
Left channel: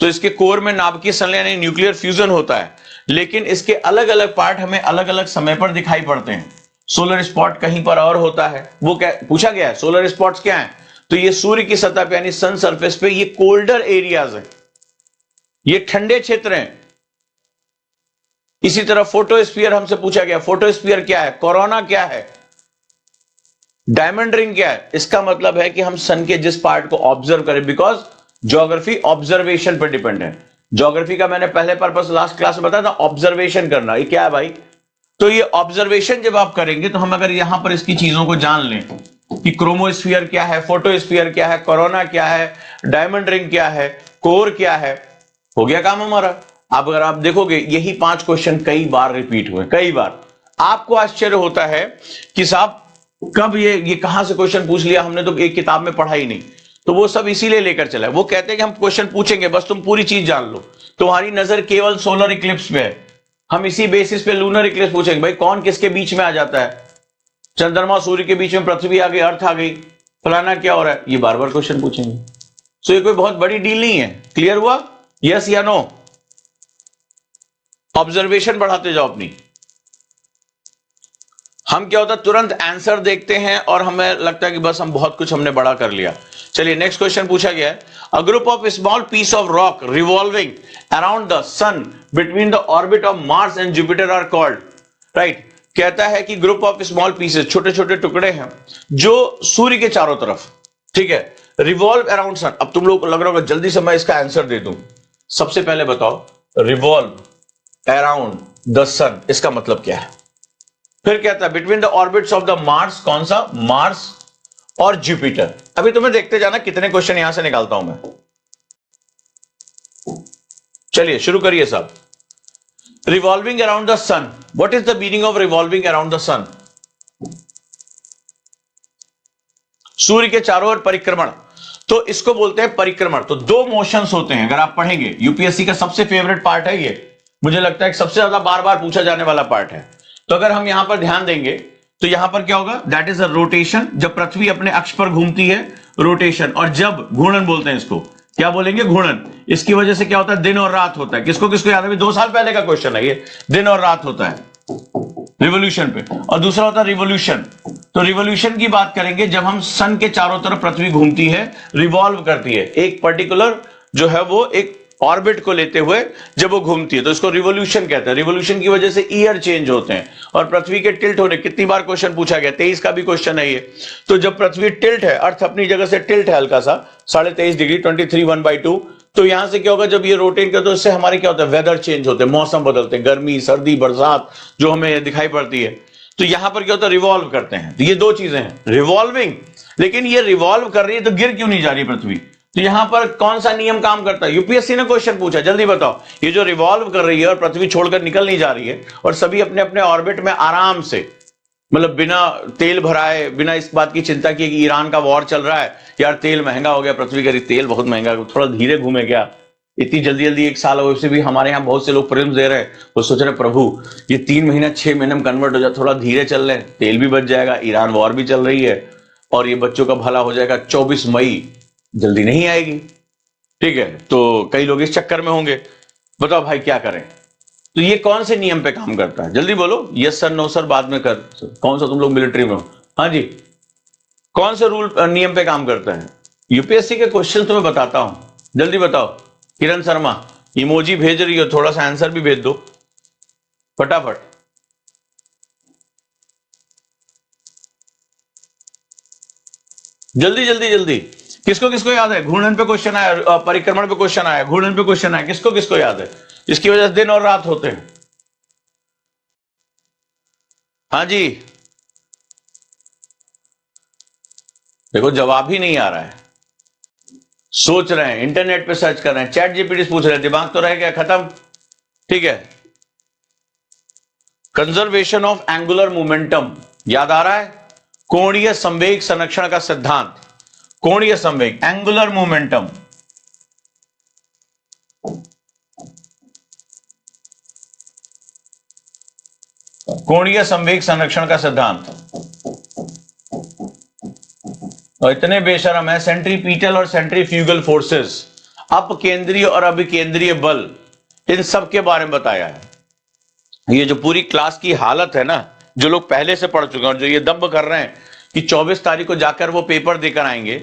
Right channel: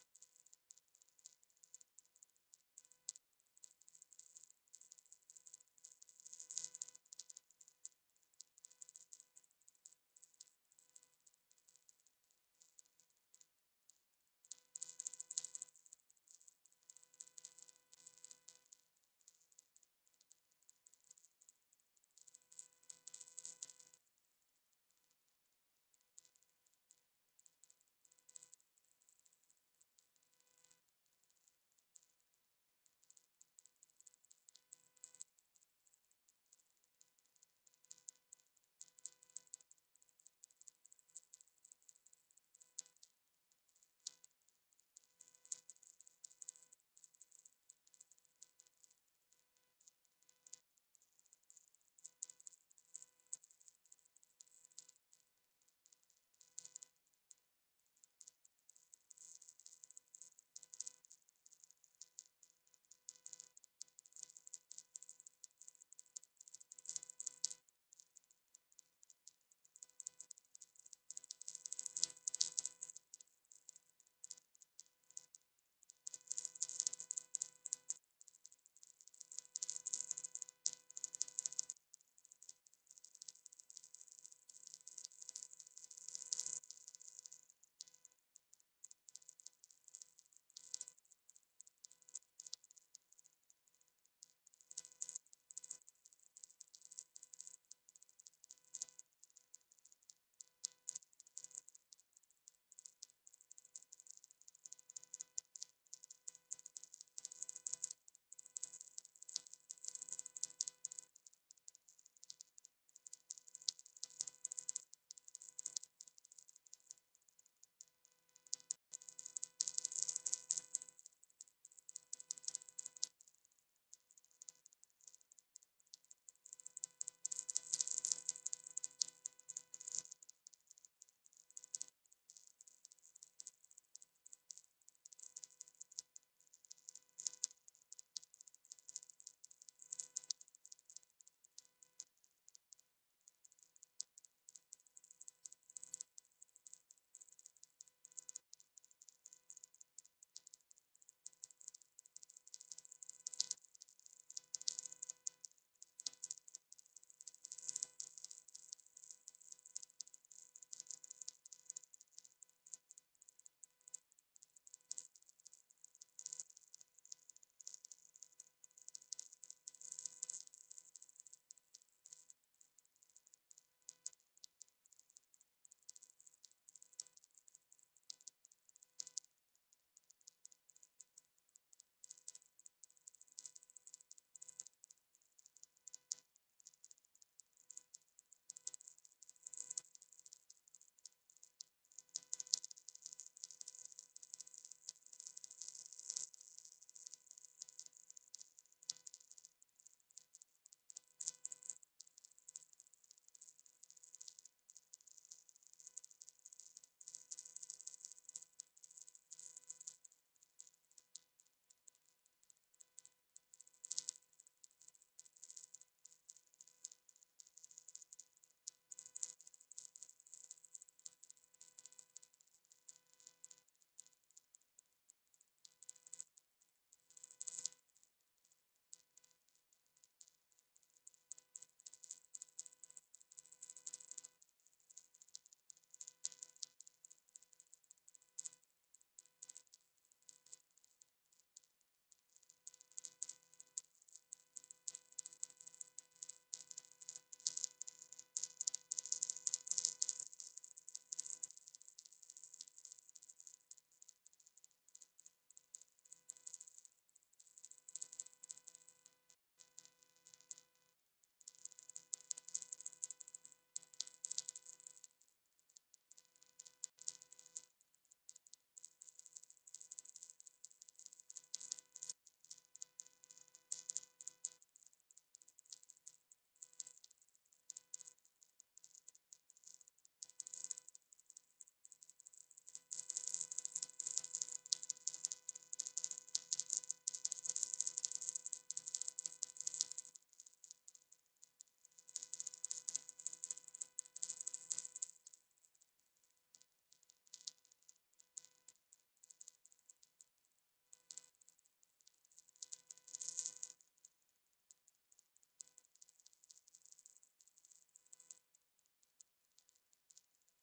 तो इसके कोर में नाभिकीय संलयन यानी न्यूक्लियर फ्यूजन होता है, लेकिन इसके अलग अलग पार्ट हमें अलग अलग समय पर दिखाई पड़ते हैं। सोलर स्पॉट कहीं पर और होता है, वो क्या पूछा गया है? सोलर स्पॉट्स क्या है? तो ये सूर्य की सतह पे यानी सन सरफेस पे ये कोल्डर एरियाज है, ये ठंडे क्षेत्र हैं। इसी तरह फोटोस्फीयर हमसे पूछा गया, फोटोस्फीयर क्या है, कोरोना क्या है, डायमंड रिंग क्या है। इसका मतलब है कि हम सन के जिस पार्ट को ऑब्जर्व करें, बिकॉज ज्योग्राफी ऑब्जर्वेशन पर डिपेंड है। ज्योग्राफी का मैंने पहले पर्पस लास्ट क्लास में बताया था, ऑब्जर्वेशन करना। ये क्या है भाई? तो ये ऑब्जर्वेशन जब आप करेंगे तो हम अगर यहां पर इसकी चीजों को जान लें कि क्रोमोस्फीयर क्या है, फोटोस्फीयर क्या है, कोरोना क्या है, डायमंड रिंग क्या है, कोर क्या है, हो गया काम हमारा। अब अगर आप देखोगे यही 5 क्वेश्चन कई बार रिपीट हुए, कई बार। आपको आश्चर्य होता है कि साहब कब ये कहां से क्वेश्चन पूछ लिया, हमने तो एक किताब में पढ़ा ही नहीं। तो वो सब इसीलिए लेकर चला है। वो कहते हैं कि हम क्वेश्चन पूछेंगे, बस तुम पूरी चीज जान लो। तुम्हारी नजर केवल सोलर इक्लिप्स पे है, हम इसी बेसिस पे लूनर इक्लिप्स पूछेंगे, भाई कौन किसके बीच में आ जाता है, चंद्रमा सूर्य के बीच में पृथ्वी आ गई, अर्थ आ गई, फलाना क्या हो रहा है, ये बार बार क्वेश्चन पूछेंगे। सो ये कोई बहुत बड़ी डील नहीं है। क्लियर हुआ? यस या नो? ऑब्जर्वेशन बढ़ाते जाओ अपनी। हम क्या होता है तुरंत आंसर देखते हैं और हमें लगता है कि बस हम बहुत कुछ हमने बड़ा कर लिया। चलिए नेक्स्ट क्वेश्चन पूछा गया है, a group of small piece of rock revolving around the sun between the orbit of Mars and Jupiter are called, right. कहता है कि ग्रुप ऑफ स्मॉल पीसेस, छोटे छोटे टुकड़े हैं जो सूर्य के चारों तरफ, ठीक है, रिवॉल्व अराउंड सन। अब तुम लोग को लग रहा होगा जल्दी से मैं इसका आंसर दे दूं। सबसे पहले बताओ रिवॉल्व अराउंड द सन इसका मतलब क्या है? फिर कहता है between the orbits of the Mars, कौन सा? मार्स और जुपिटर। अभी तुम्हें देखते जाना कितने क्वेश्चन यहां से निकालता हूं मैं। चलिए शुरू करिए साहब। Revolving around the sun, what is the meaning of revolving around the sun? सूर्य के चारों ओर परिक्रमण, तो इसको बोलते हैं परिक्रमण। तो 2 मोशंस होते हैं, अगर आप पढ़ेंगे, यूपीएससी का सबसे फेवरेट पार्ट है ये, मुझे लगता है कि सबसे ज्यादा बार बार पूछा जाने वाला पार्ट है। तो अगर हम यहां पर ध्यान देंगे तो यहां पर क्या होगा? दैट इज अ रोटेशन, जब पृथ्वी अपने अक्ष पर घूमती है रोटेशन, और जब घूर्णन बोलते हैं इसको, क्या बोलेंगे? घूर्णन। इसकी वजह से क्या होता है? दिन और रात होता है। किसको किसको याद है? 2 साल पहले का क्वेश्चन है ये। दिन और रात होता है रिवोल्यूशन पे। और दूसरा होता है रिवोल्यूशन। तो रिवोल्यूशन की बात करेंगे जब हम सन के चारों तरफ पृथ्वी घूमती है, रिवॉल्व करती है, एक पर्टिकुलर जो है वो एक ऑर्बिट को लेते हुए जब वो घूमती है, तो इसको रिवोल्यूशन कहते हैं। रिवोल्यूशन की वजह से ईयर चेंज होते हैं और पृथ्वी के टिल्ट होने, कितनी बार क्वेश्चन पूछा गया, 23 का भी क्वेश्चन है ये। तो जब पृथ्वी टिल्ट है, अर्थ अपनी जगह से टिल्ट है हल्का सा 23.5 डिग्री, 23 1/2, तो यहां से क्या होगा? जब ये रोटेट करते तो इससे हमारे क्या होता है? वेदर चेंज होते हैं, मौसम बदलते हैं, गर्मी सर्दी बरसात जो हमें दिखाई पड़ती है। तो यहां पर क्या होता है? रिवॉल्व करते हैं। तो ये दो चीजें हैं, रिवॉल्विंग। लेकिन ये रिवॉल्व कर रही है तो गिर क्यों नहीं जा रही पृथ्वी? तो यहां पर कौन सा नियम काम करता है? यूपीएससी ने क्वेश्चन पूछा, जल्दी बताओ। ये जो रिवॉल्व कर रही है और पृथ्वी छोड़कर निकल नहीं जा रही है और सभी अपने अपने ऑर्बिट में आराम से, मतलब बिना तेल भराए, बिना इस बात की चिंता की कि ईरान का वॉर चल रहा है, यार तेल महंगा हो गया, पृथ्वी का तेल बहुत महंगा, थोड़ा धीरे घूमे क्या, इतनी जल्दी जल्दी 1 साल हो, भी हमारे यहाँ बहुत से लोग प्रेम दे रहे हैं, वो सोच रहे प्रभु ये 3 महीना 6 महीने में कन्वर्ट हो जाए, थोड़ा धीरे चल रहे, तेल भी बच जाएगा, ईरान वॉर भी चल रही है और ये बच्चों का भला हो जाएगा। 24 मई जल्दी नहीं आएगी, ठीक है? तो कई लोग इस चक्कर में होंगे। बताओ भाई क्या करें? तो ये कौन से नियम पे काम करता है? जल्दी बोलो, यस सर, नो सर, बाद में कर। कौन सा, तुम लोग मिलिट्री में हो? हाँ जी, कौन से रूल नियम पे काम करता है? यूपीएससी के क्वेश्चन तुम्हें बताता हूं, जल्दी बताओ। किरण शर्मा इमोजी भेज रही हो, थोड़ा सा आंसर भी भेज दो फटाफट। जल्दी जल्दी जल्दी। किसको किसको याद है? घूर्णन पे क्वेश्चन आया, परिक्रमण पे क्वेश्चन आया, घूर्णन पे क्वेश्चन आया, किसको किसको याद है? इसकी वजह से दिन और रात होते हैं। हाँ जी, देखो जवाब ही नहीं आ रहा है, सोच रहे हैं, इंटरनेट पे सर्च कर रहे हैं, चैट जीपीटी से पूछ रहे हैं, दिमाग तो रह गया खत्म, ठीक है? कंजर्वेशन ऑफ एंगुलर मोमेंटम याद आ रहा है? कोणीय संवेग संरक्षण का सिद्धांत, कोणीय संवेग, एंगुलर मोमेंटम, कोणीय संवेग संरक्षण का सिद्धांत। और इतने बेशरम है, सेंट्रीपीटल और सेंट्रीफ्यूगल फोर्सेस, अपकेंद्रीय और अभिकेंद्रीय बल, इन सब के बारे में बताया है। ये जो पूरी क्लास की हालत है ना, जो लोग पहले से पढ़ चुके हैं और जो ये दम्भ कर रहे हैं कि 24 तारीख को जाकर वो पेपर देकर आएंगे,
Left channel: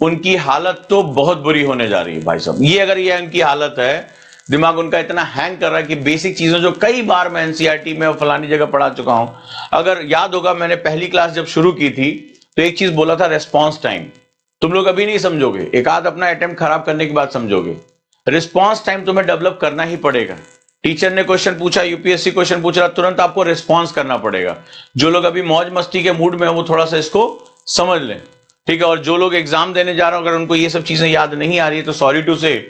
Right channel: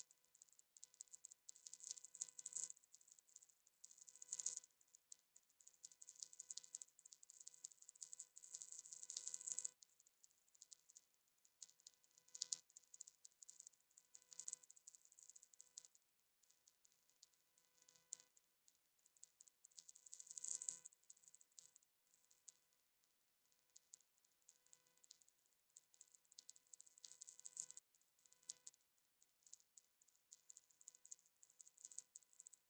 उनकी हालत तो बहुत बुरी होने जा रही है भाई साहब। ये अगर ये उनकी हालत है, दिमाग उनका इतना हैंग कर रहा है कि बेसिक चीजें जो कई बार मैं एनसीईआरटी में और फलानी जगह पढ़ा चुका हूं, अगर याद होगा मैंने पहली क्लास जब शुरू की थी तो एक चीज बोला था, रेस्पॉन्स टाइम। तुम लोग अभी नहीं समझोगे, एक आध अपना अटेम्प्ट खराब करने के बाद समझोगे। रिस्पॉन्स टाइम तुम्हें डेवलप करना ही पड़ेगा। टीचर ने क्वेश्चन पूछा, यूपीएससी क्वेश्चन पूछ रहा, तुरंत आपको रिस्पॉन्स करना पड़ेगा। जो लोग अभी मौज मस्ती के मूड में हो वो थोड़ा सा इसको समझ लें, ठीक है? और जो लोग एग्जाम देने जा रहे हो, अगर उनको ये सब चीजें याद नहीं आ रही है तो सॉरी टू से,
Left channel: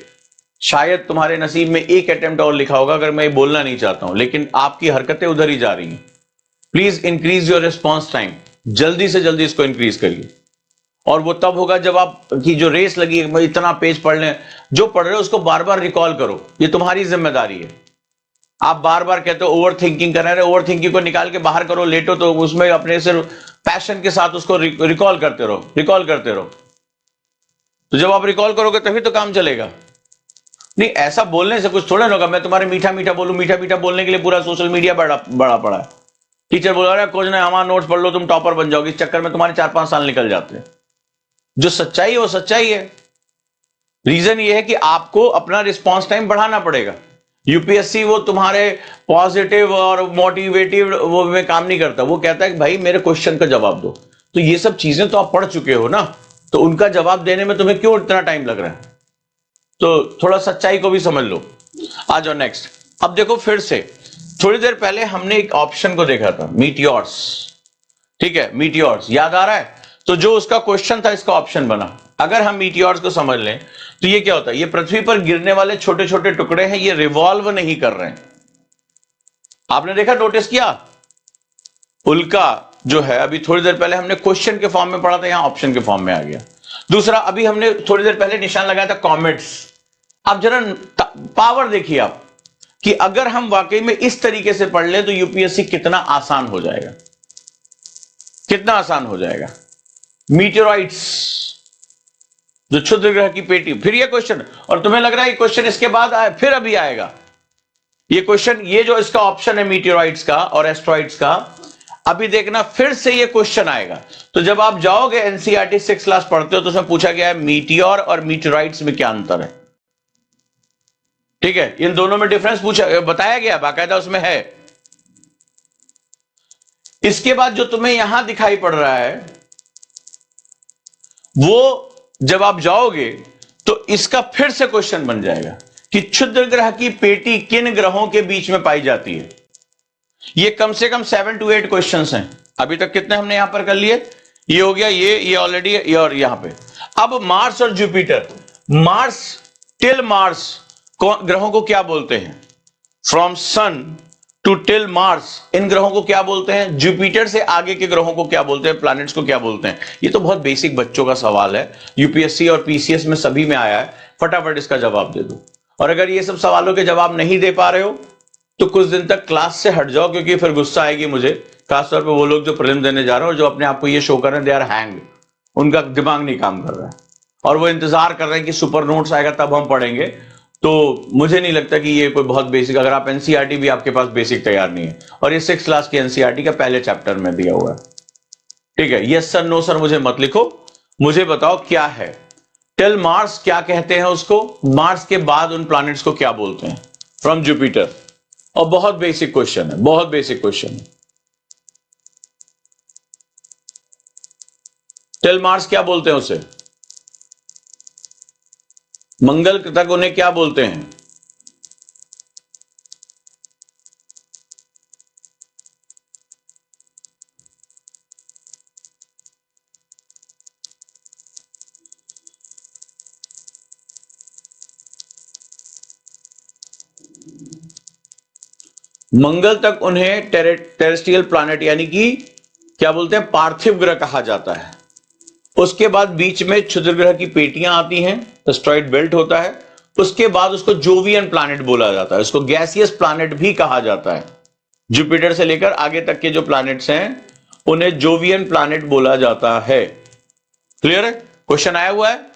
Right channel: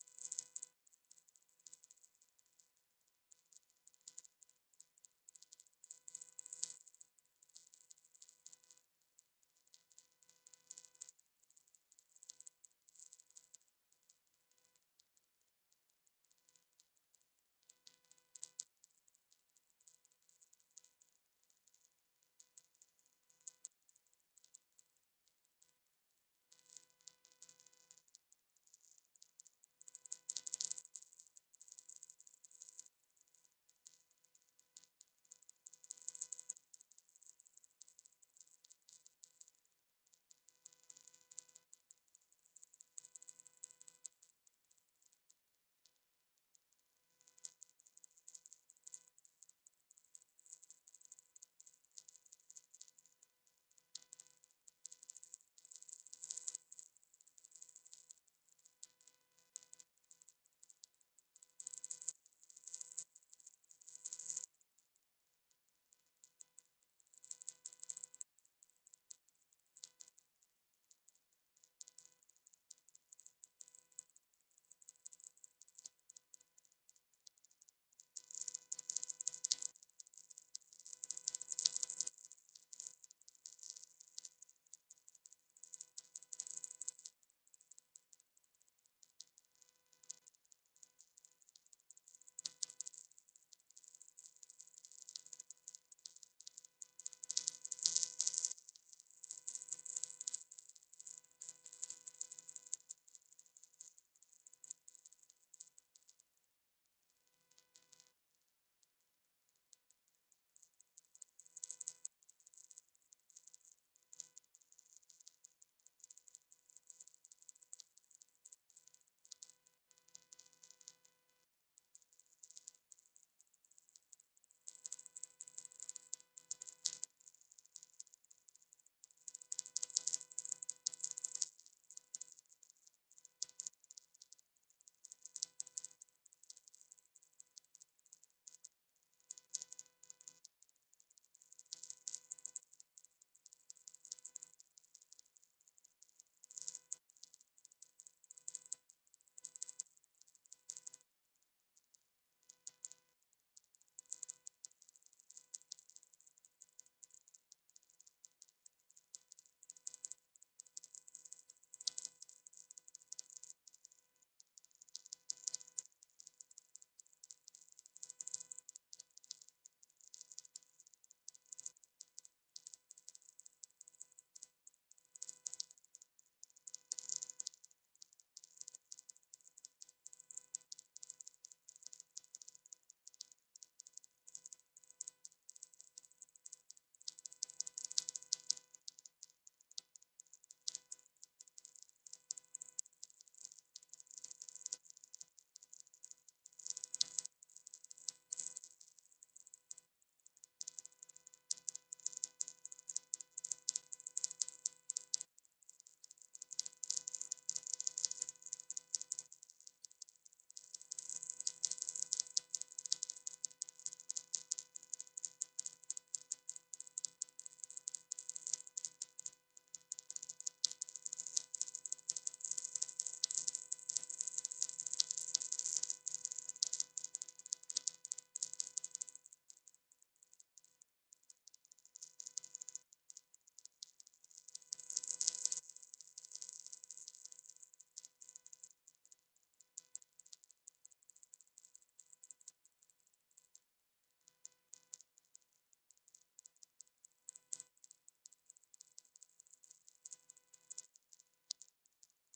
शायद तुम्हारे नसीब में एक अटेम्प्ट और लिखा होगा, अगर मैं ये बोलना नहीं चाहता हूं, लेकिन आपकी हरकतें उधर ही जा रही हैं। Please increase your response time, जल्दी से जल्दी इसको इंक्रीज करिए। और वो तब होगा जब आप की जो रेस लगी है, इतना पेज पढ़ लें, जो पढ़ रहे हो उसको बार बार रिकॉल करो, ये तुम्हारी जिम्मेदारी है। आप बार बार कहते हो ओवर थिंकिंग कर रहे हैं, ओवर थिंकिंग को निकाल के बाहर करो, लेटो तो उसमें अपने से पैशन के साथ उसको रिकॉल करते रहो, रिकॉल करते रहो। तो जब आप रिकॉल करोगे तभी तो काम चलेगा। नहीं, ऐसा बोलने से कुछ थोड़ा नहीं होगा। मैं तुम्हारे मीठा मीठा बोलूं, मीठा मीठा बोलने के लिए पूरा सोशल मीडिया बड़ा पड़ा है। टीचर बोल रहा है कुछ नहीं, हमारा नोट्स पढ़ लो, तुम टॉपर बन जाओगे, इस चक्कर में तुम्हारे 4-5 साल निकल जाते हैं। जो सच्चाई है वो सच्चाई है। रीजन ये है कि आपको अपना रिस्पॉन्स टाइम बढ़ाना पड़ेगा। यूपीएससी वो तुम्हारे पॉजिटिव और मोटिवेटिव वो में काम नहीं करता, वो कहता है कि भाई मेरे क्वेश्चन का जवाब दो। तो ये सब चीजें तो आप पढ़ चुके हो ना, तो उनका जवाब देने में तुम्हें क्यों इतना टाइम लग रहा है? तो थोड़ा सच्चाई को भी समझ लो। आ जाओ नेक्स्ट। अब देखो फिर से, थोड़ी देर पहले हमने एक ऑप्शन को देखा था, मीटियोर्स, ठीक है? मीटियोर्स याद आ रहा है? तो जो उसका क्वेश्चन था इसका ऑप्शन बना। अगर हम मीटियोर्स को समझ लें तो ये क्या होता है? ये पृथ्वी पर गिरने वाले छोटे छोटे टुकड़े हैं, ये रिवॉल्व नहीं कर रहे हैं। आपने देखा, नोटिस किया? उल्का जो है, अभी थोड़ी देर पहले हमने क्वेश्चन के फॉर्म में पढ़ा था, यहां ऑप्शन के फॉर्म में आ गया। दूसरा, अभी हमने थोड़ी देर पहले निशान लगाया था कॉमेट्स। अब जरा पावर देखिए आप, कि अगर हम वाकई में इस तरीके से पढ़ लें तो यूपीएससी कितना आसान हो जाएगा, कितना आसान हो जाएगा। मीटेरॉइड्स, जो क्षुद्र ग्रह की पेटी, फिर ये क्वेश्चन, और तुम्हें लग रहा है क्वेश्चन इसके बाद आए, फिर अभी आएगा ये क्वेश्चन, ये जो इसका ऑप्शन है मीटियोराइड्स का और एस्ट्रॉइड्स का, अभी देखना फिर से ये क्वेश्चन आएगा। तो जब आप जाओगे एनसीईआरटी 6 क्लास पढ़ते हो तो उसमें पूछा गया है मीटियोर और मीटियोराइड्स में क्या अंतर है, ठीक है, इन दोनों में डिफरेंस पूछा, बताया गया बाकायदा उसमें है। इसके बाद जो तुम्हें यहां दिखाई पड़ रहा है, वो जब आप जाओगे तो इसका फिर से क्वेश्चन बन जाएगा कि क्षुद्र ग्रह की पेटी किन ग्रहों के बीच में पाई जाती है। ये कम से कम 7 to 8 क्वेश्चंस हैं। अभी तक कितने हमने यहां पर कर लिए, ये हो गया, ये ऑलरेडी, ये और यहां पे। अब मार्स और जुपिटर, मार्स टिल मार्स ग्रहों को क्या बोलते हैं, from sun to till Mars, इन ग्रहों को क्या बोलते हैं, जुपिटर से आगे के ग्रहों को क्या बोलते हैं, प्लैनेट्स को क्या बोलते हैं। ये तो बहुत बेसिक बच्चों का सवाल है, यूपीएससी और पीसीएस में सभी में आया है, फटाफट इसका जवाब दे दो। और अगर ये सब सवालों के जवाब नहीं दे पा रहे हो तो कुछ दिन तक क्लास से हट जाओ, क्योंकि फिर गुस्सा आएगी मुझे, खासतौर पर वो लोग जो प्रीलिम देने जा रहे हैं और जो अपने आप को ये शो कर रहे हैं दे आर हैंग, उनका दिमाग नहीं काम कर रहा है और वो इंतजार कर रहे हैं कि सुपर नोट्स आएगा तब हम पढ़ेंगे। तो मुझे नहीं लगता कि ये कोई बहुत बेसिक, अगर आप एनसीईआरटी भी आपके पास बेसिक तैयार नहीं है, और ये 6 क्लास की एनसीईआरटी का पहले चैप्टर में दिया हुआ है, ठीक है। यस सर नो सर मुझे मत लिखो, मुझे बताओ क्या है टिल मार्स, क्या कहते हैं उसको, मार्स के बाद उन प्लैनेट्स को क्या बोलते हैं फ्रॉम जुपिटर। और बहुत बेसिक क्वेश्चन है, बहुत बेसिक क्वेश्चन है। टिल मार्स क्या बोलते हैं उसे, मंगल तक उन्हें क्या बोलते हैं, मंगल तक उन्हें टेरेस्ट्रियल प्लैनेट यानी कि क्या बोलते हैं, पार्थिव ग्रह कहा जाता है। उसके बाद बीच में क्षुद्र ग्रह की पेटियां आती हैं, एस्टेरॉयड बेल्ट होता है, उसके बाद उसको जोवियन प्लैनेट बोला जाता है, उसको गैसियस प्लैनेट भी कहा जाता है। जुपिटर से लेकर आगे तक के जो प्लैनेट्स हैं उन्हें जोवियन प्लैनेट बोला जाता है। क्लियर है, क्वेश्चन आया हुआ है।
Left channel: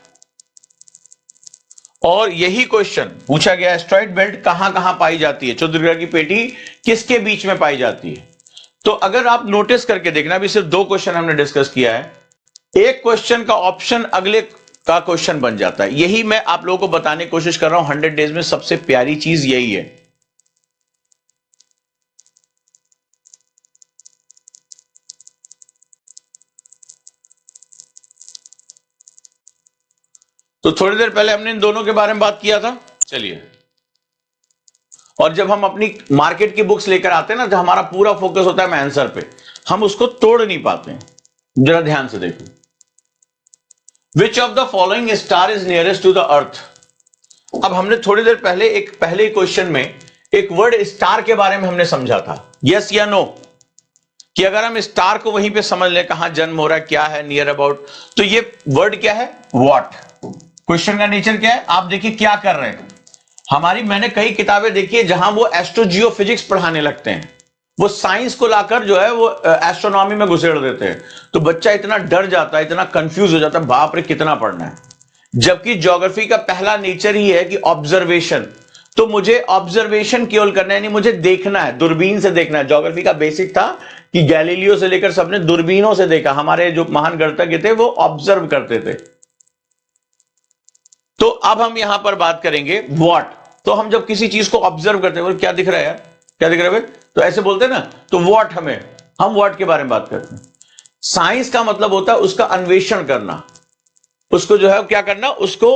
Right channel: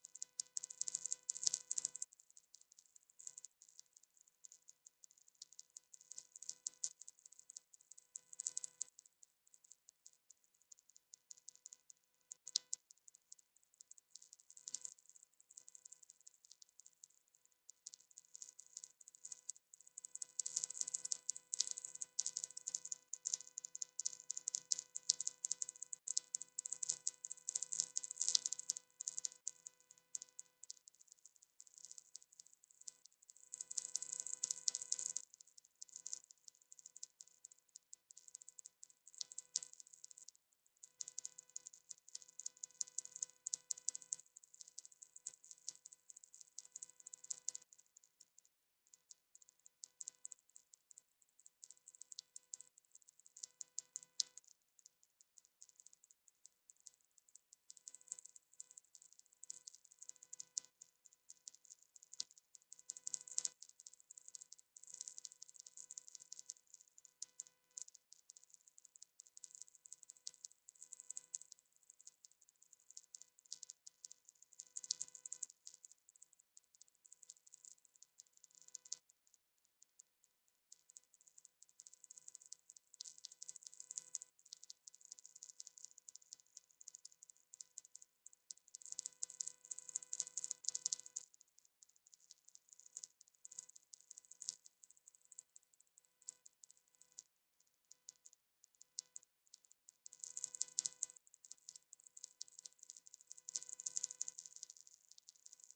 और यही क्वेश्चन पूछा गया, एस्टेरॉयड बेल्ट कहां कहां पाई जाती है, क्षुद्र ग्रह की पेटी किसके बीच में पाई जाती है। तो अगर आप नोटिस करके देखना, अभी सिर्फ 2 क्वेश्चन हमने डिस्कस किया है, एक क्वेश्चन का ऑप्शन अगले का क्वेश्चन बन जाता है। यही मैं आप लोगों को बताने की कोशिश कर रहा हूं, 100 डेज में सबसे प्यारी चीज यही है। तो थोड़ी देर पहले हमने इन दोनों के बारे में बात किया था, चलिए। और जब हम अपनी मार्केट की बुक्स लेकर आते हैं ना, जब हमारा पूरा फोकस होता है आंसर पे, हम उसको तोड़ नहीं पाते हैं। जरा ध्यान से देखो, which of the following star is nearest to the earth. अब हमने थोड़ी देर पहले एक पहले क्वेश्चन में एक वर्ड स्टार के बारे में हमने समझा था, यस या नो, कि अगर हम स्टार को वहीं पे समझ लें कहां जन्म हो रहा है, क्या है नियर अबाउट, तो ये वर्ड क्या है, व्हाट। क्वेश्चन का नेचर क्या है, आप देखिए क्या कर रहे हैं। हमारी मैंने कई किताबें देखी है जहां वो एस्ट्रोजियोफिजिक्स पढ़ाने लगते हैं, वो साइंस को लाकर जो है वो एस्ट्रोनॉमी में घुसेड़ देते हैं, तो बच्चा इतना डर जाता है, इतना कंफ्यूज हो जाता है, बाप रे कितना पढ़ना है। जबकि ज्योग्राफी का पहला नेचर ही है कि ऑब्जर्वेशन, तो मुझे ऑब्जर्वेशन केवल करना है, नहीं मुझे देखना है, दूरबीन से देखना है। ज्योग्राफी का बेसिक था कि गैलीलियो से लेकर सबने दूरबीनों से देखा, हमारे जो महान गणितज्ञ थे वो ऑब्जर्व करते थे। तो अब हम यहां पर बात करेंगे व्हाट। तो हम जब किसी चीज को ऑब्जर्व करते हैं, क्या दिख रहा है यार, क्या दिख रहा है, तो ऐसे बोलते हैं ना, तो व्हाट, हम व्हाट के बारे में बात करते हैं। साइंस का मतलब होता है उसका अन्वेषण करना, उसको जो है क्या करना, उसको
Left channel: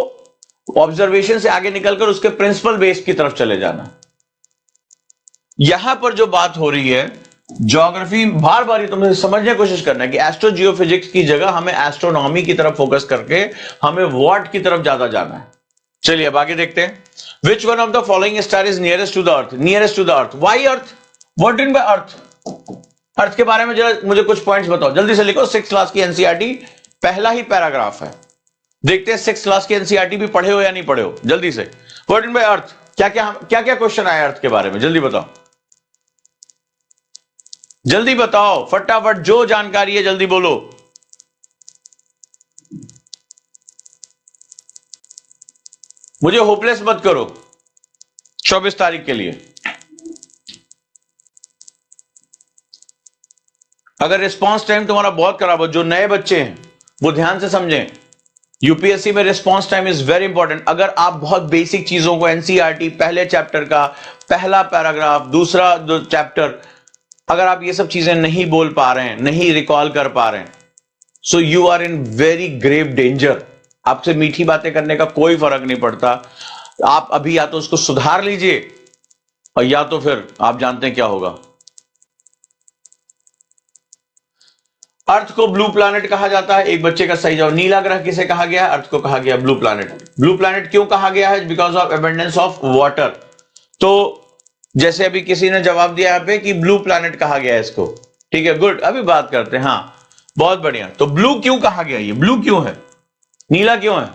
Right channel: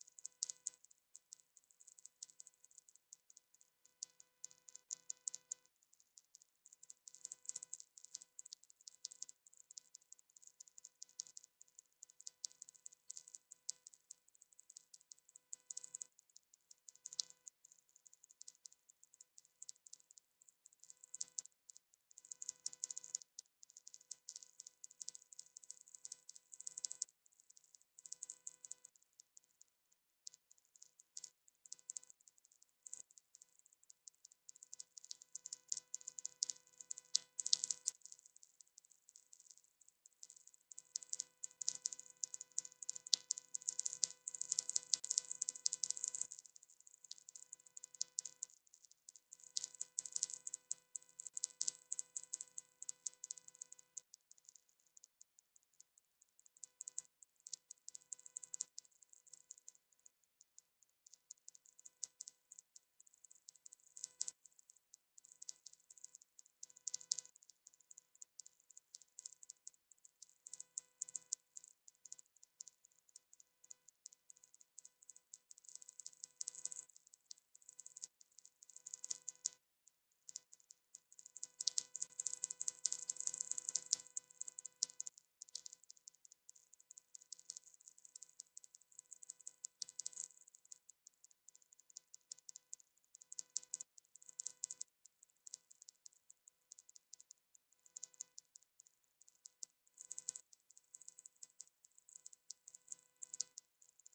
ऑब्जर्वेशन से आगे निकलकर उसके प्रिंसिपल बेस की तरफ चले जाना। यहां पर जो बात हो रही है ज्योग्राफी, बार बार ये तुम्हें समझने की कोशिश करना है कि एस्ट्रो जियोफिजिक्स की जगह हमें एस्ट्रोनॉमी की तरफ फोकस करके हमें व्हाट की तरफ ज्यादा जाना है। चलिए अब आगे देखते हैं। Which one of the following star is nearest to the earth, nearest to the earth, why earth, what in by earth. Earth के बारे में जरा मुझे कुछ पॉइंट्स बताओ, जल्दी से लिखो। 6 क्लास की एनसीईआरटी पहला ही पैराग्राफ है, देखते हैं 6 क्लास की एनसीईआरटी भी पढ़े हो या नहीं पढ़े हो, जल्दी से। व्हाट इन बाय अर्थ, क्या क्या क्वेश्चन आया अर्थ के बारे में, जल्दी बताओ, जल्दी बताओ फटाफट, जो जानकारी है जल्दी बोलो। मुझे होपलेस मत करो 24 तारीख के लिए। अगर रिस्पॉन्स टाइम तुम्हारा बहुत खराब हो, जो नए बच्चे हैं वो ध्यान से समझें, यूपीएससी में response time is very important. अगर आप बहुत बेसिक चीजों को, एनसीईआरटी पहले चैप्टर का पहला पैराग्राफ, दूसरा चैप्टर, अगर आप ये सब चीजें नहीं बोल पा रहे हैं, नहीं रिकॉल कर पा रहे हैं, so you are in very grave danger. आपसे मीठी बातें करने का कोई फर्क नहीं पड़ता। आप अभी या तो उसको सुधार लीजिए और या तो फिर आप जानते हैं क्या होगा। अर्थ को ब्लू प्लैनेट कहा जाता है। एक बच्चे का सही जवाब, नीला ग्रह किसे कहा गया है? अर्थ को कहा गया ब्लू प्लैनेट। ब्लू प्लैनेट क्यों कहा गया है? Because of abundance of water. तो जैसे अभी किसी ने जवाब दिया यहाँ पे कि ब्लू प्लैनेट कहा गया है इसको, ठीक है, गुड, अभी बात करते हैं। हाँ, बहुत बढ़िया। तो ब्लू क्यों कहा गया? ये ब्लू क्यों है, नीला क्यों है?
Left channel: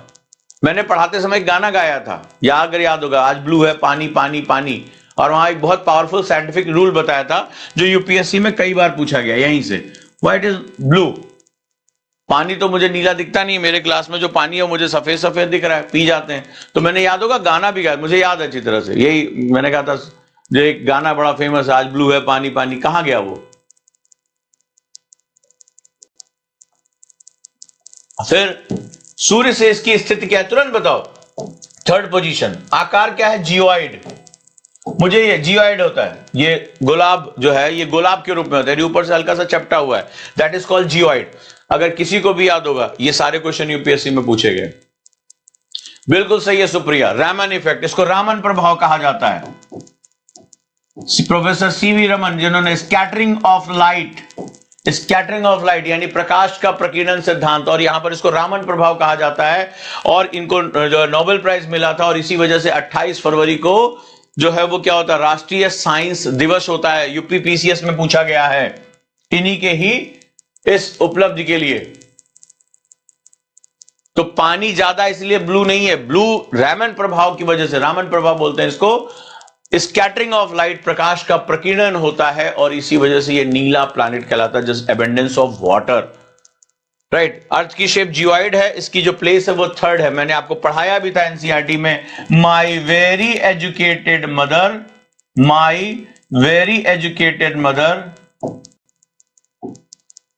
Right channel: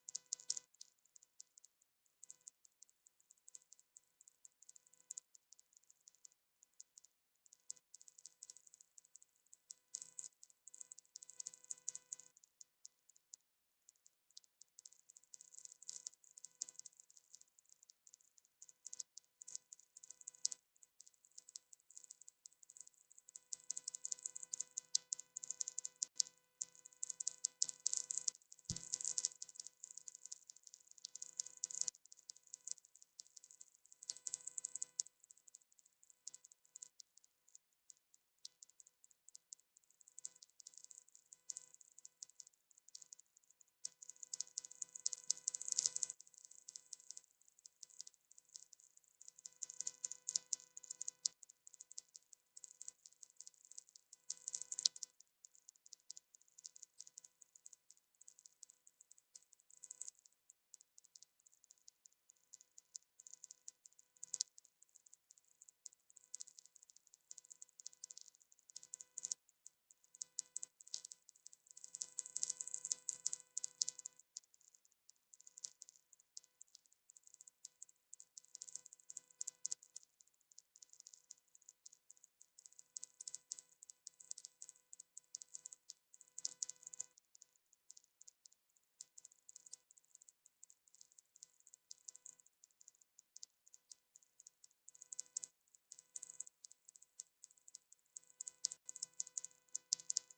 मैंने पढ़ाते समय एक गाना गाया था, या अगर याद होगा, आज ब्लू है पानी पानी पानी, और वहां एक बहुत पावरफुल साइंटिफिक रूल बताया था जो यूपीएससी में कई बार पूछा गया यहीं से। What is blue? पानी तो मुझे नीला दिखता नहीं, मेरे ग्लास में जो पानी है वो मुझे सफेद सफेद दिख रहा है, पी जाते हैं। तो मैंने, याद होगा, गाना भी गाया, मुझे याद है अच्छी तरह से, यही मैंने कहा था, जो एक गाना बड़ा फेमस है, आज ब्लू है पानी पानी, कहां गया वो? फिर सूर्य से इसकी स्थिति क्या है, तुरंत बताओ। Third position. आकार क्या है? जियोइड। मुझे ये जियोइड होता है, ये गुलाब जो है, ये गुलाब के रूप में होता है, ऊपर से हल्का सा चपटा हुआ है, दैट इज कॉल्ड जियोइड। अगर किसी को भी याद होगा, ये सारे क्वेश्चन यूपीएससी में पूछे गए। बिल्कुल सही है सुप्रिया, रामन इफेक्ट, इसको रामन प्रभाव कहा जाता है। प्रोफेसर सीवी रमन, जिन्होंने स्कैटरिंग ऑफ लाइट यानी प्रकाश का प्रकीर्णन सिद्धांत, और यहां पर इसको रामन प्रभाव कहा जाता है, और इनको जो नोबेल प्राइज मिला था, और इसी वजह से 28 फरवरी को जो है वो क्या होता है, राष्ट्रीय साइंस दिवस होता है। यूपीपीसीएस में पूछा गया है इन्हीं के ही इस उपलब्धि के लिए। तो पानी ज्यादा इसलिए ब्लू नहीं है, ब्लू रामन प्रभाव की वजह से, रामन प्रभाव बोलते हैं इसको, स्कैटरिंग ऑफ लाइट, प्रकाश का प्रकीर्णन होता है, और इसी वजह से ये नीला प्लैनेट कहलाता है, just abundance of water, right. Earth की शेप जियोइड है, इसकी जो प्लेस है वो थर्ड है। मैंने आपको पढ़ाया भी था एनसीईआरटी में, my very educated mother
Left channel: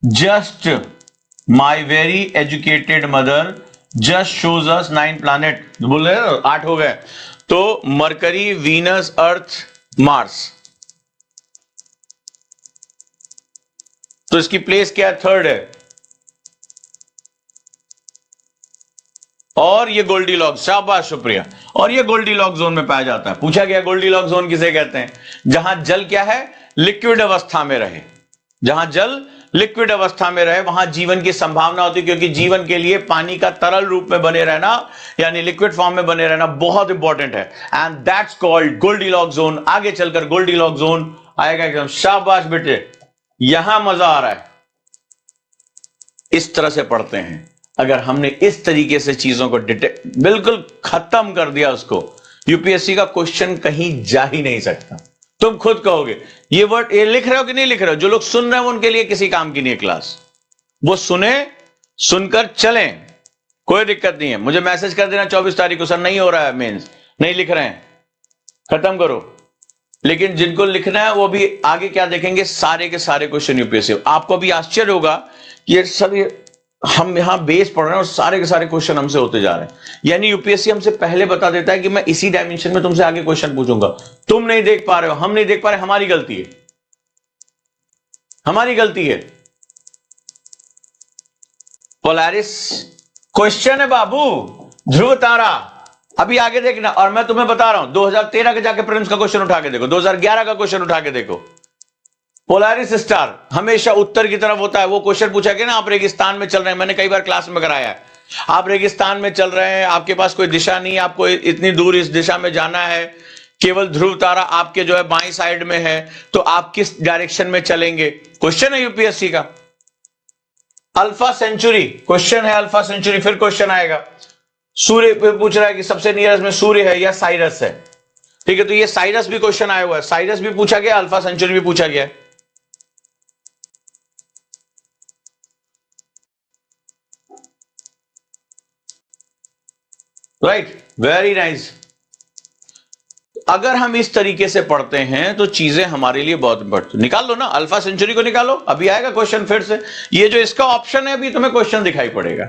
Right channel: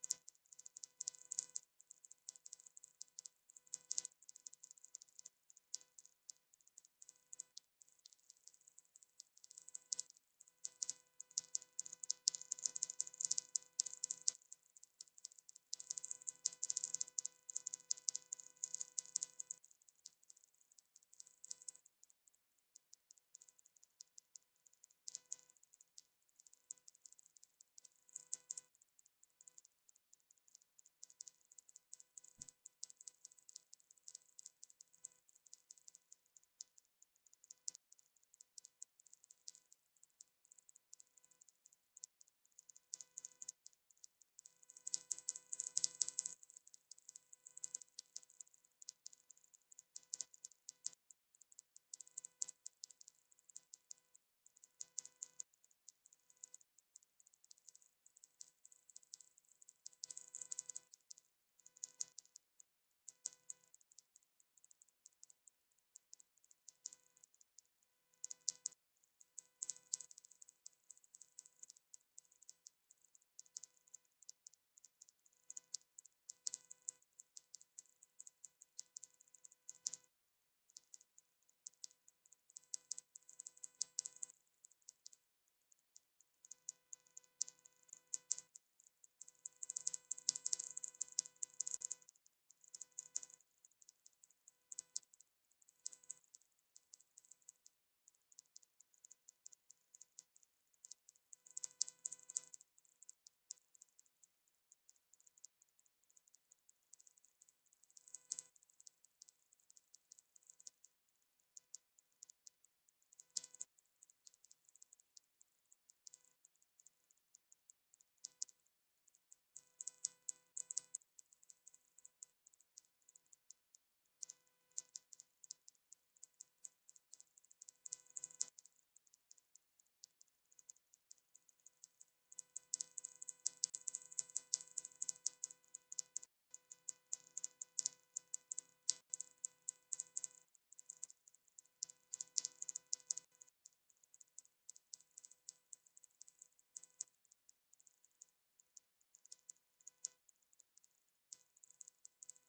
just my very educated mother just shows us 9 planet. बोल रहे हो 8 हो गए, तो मरकरी, वीनस, अर्थ, मार्स, तो इसकी प्लेस क्या है? थर्ड है। और ये गोल्डीलॉक्स, शाबाश शुक्रिया, और ये गोल्डीलॉक्स जोन में पाया जाता है। पूछा गया गोल्डीलॉक्स जोन किसे कहते हैं? जहां जल क्या है? लिक्विड अवस्था में रहे। जहां जल लिक्विड अवस्था में रहे वहां जीवन की संभावना होती है, क्योंकि जीवन के लिए पानी का तरल रूप में बने रहना, यानी लिक्विड फॉर्म में बने रहना बहुत इंपॉर्टेंट है, and that's called Goldilocks zone. आगे चलकर गोल्डीलॉक्स जोन आएगा एकदम। शाबाश बेटे, यहां मजा आ रहा है। इस तरह से पढ़ते हैं। अगर हमने इस तरीके से चीजों को बिल्कुल खत्म कर दिया उसको, यूपीएससी का क्वेश्चन कहीं जा ही नहीं सकता। तुम खुद कहोगे ये वर्ड, ये लिख रहे हो कि नहीं लिख रहे हो? जो लोग सुन रहे हैं उनके लिए किसी काम की नहीं है क्लास, वो सुने, सुनकर चलें, कोई दिक्कत नहीं है। मुझे मैसेज कर देना 24 तारीख को, सर नहीं हो रहा है मेंस, नहीं लिख रहे हैं, खत्म करो। लेकिन जिनको लिखना है वो भी आगे क्या देखेंगे, सारे के सारे क्वेश्चन यूपीएससी। आपको भी आश्चर्य होगा कि ये सब हम यहां बेस पढ़ रहे हैं और सारे के सारे क्वेश्चन हमसे होते जा रहे हैं। यानी यूपीएससी हमसे पहले बता देता है कि मैं इसी डायमेंशन में तुमसे आगे क्वेश्चन पूछूंगा, तुम नहीं देख पा रहे हो, हम नहीं देख पा रहे, हमारी गलती है, हमारी गलती है। पोलैरिस क्वेश्चन है बाबू, ध्रुव तारा, अभी आगे देखना। और मैं तुम्हें बता रहा हूं 2013 के जाके प्रिलिम्स का क्वेश्चन उठा के देखो, 2011 का क्वेश्चन उठा के देखो। पोलैरिस स्टार हमेशा उत्तर की तरफ होता है। वो क्वेश्चन पूछा गया ना, आप रेगिस्तान में चल रहे हैं, मैंने कई बार क्लास में कराया है, आप रेगिस्तान में चल रहे हैं, आपके पास कोई दिशा नहीं, आपको इतनी दूर इस दिशा में जाना है, केवल ध्रुव तारा आपके जो है बाईं साइड में है, तो आप किस डायरेक्शन में चलेंगे? क्वेश्चन है यूपीएससी का। अल्फा सेंचुरी क्वेश्चन है, अल्फा सेंचुरी। फिर क्वेश्चन आएगा, सूर्य पे पूछ रहा है कि सबसे नियरेस्ट में सूर्य है या साइरस है, ठीक है, तो ये साइरस भी क्वेश्चन आया हुआ है, साइरस भी पूछा गया, अल्फा सेंचुरी भी पूछा गया। Right, very nice. अगर हम इस तरीके से पढ़ते हैं तो चीजें हमारे लिए बहुत इंपॉर्टेंट। निकाल लो ना, अल्फा सेंचुरी को निकालो, अभी आएगा क्वेश्चन फिर से। ये जो इसका ऑप्शन है अभी तुम्हें क्वेश्चन दिखाई पड़ेगा।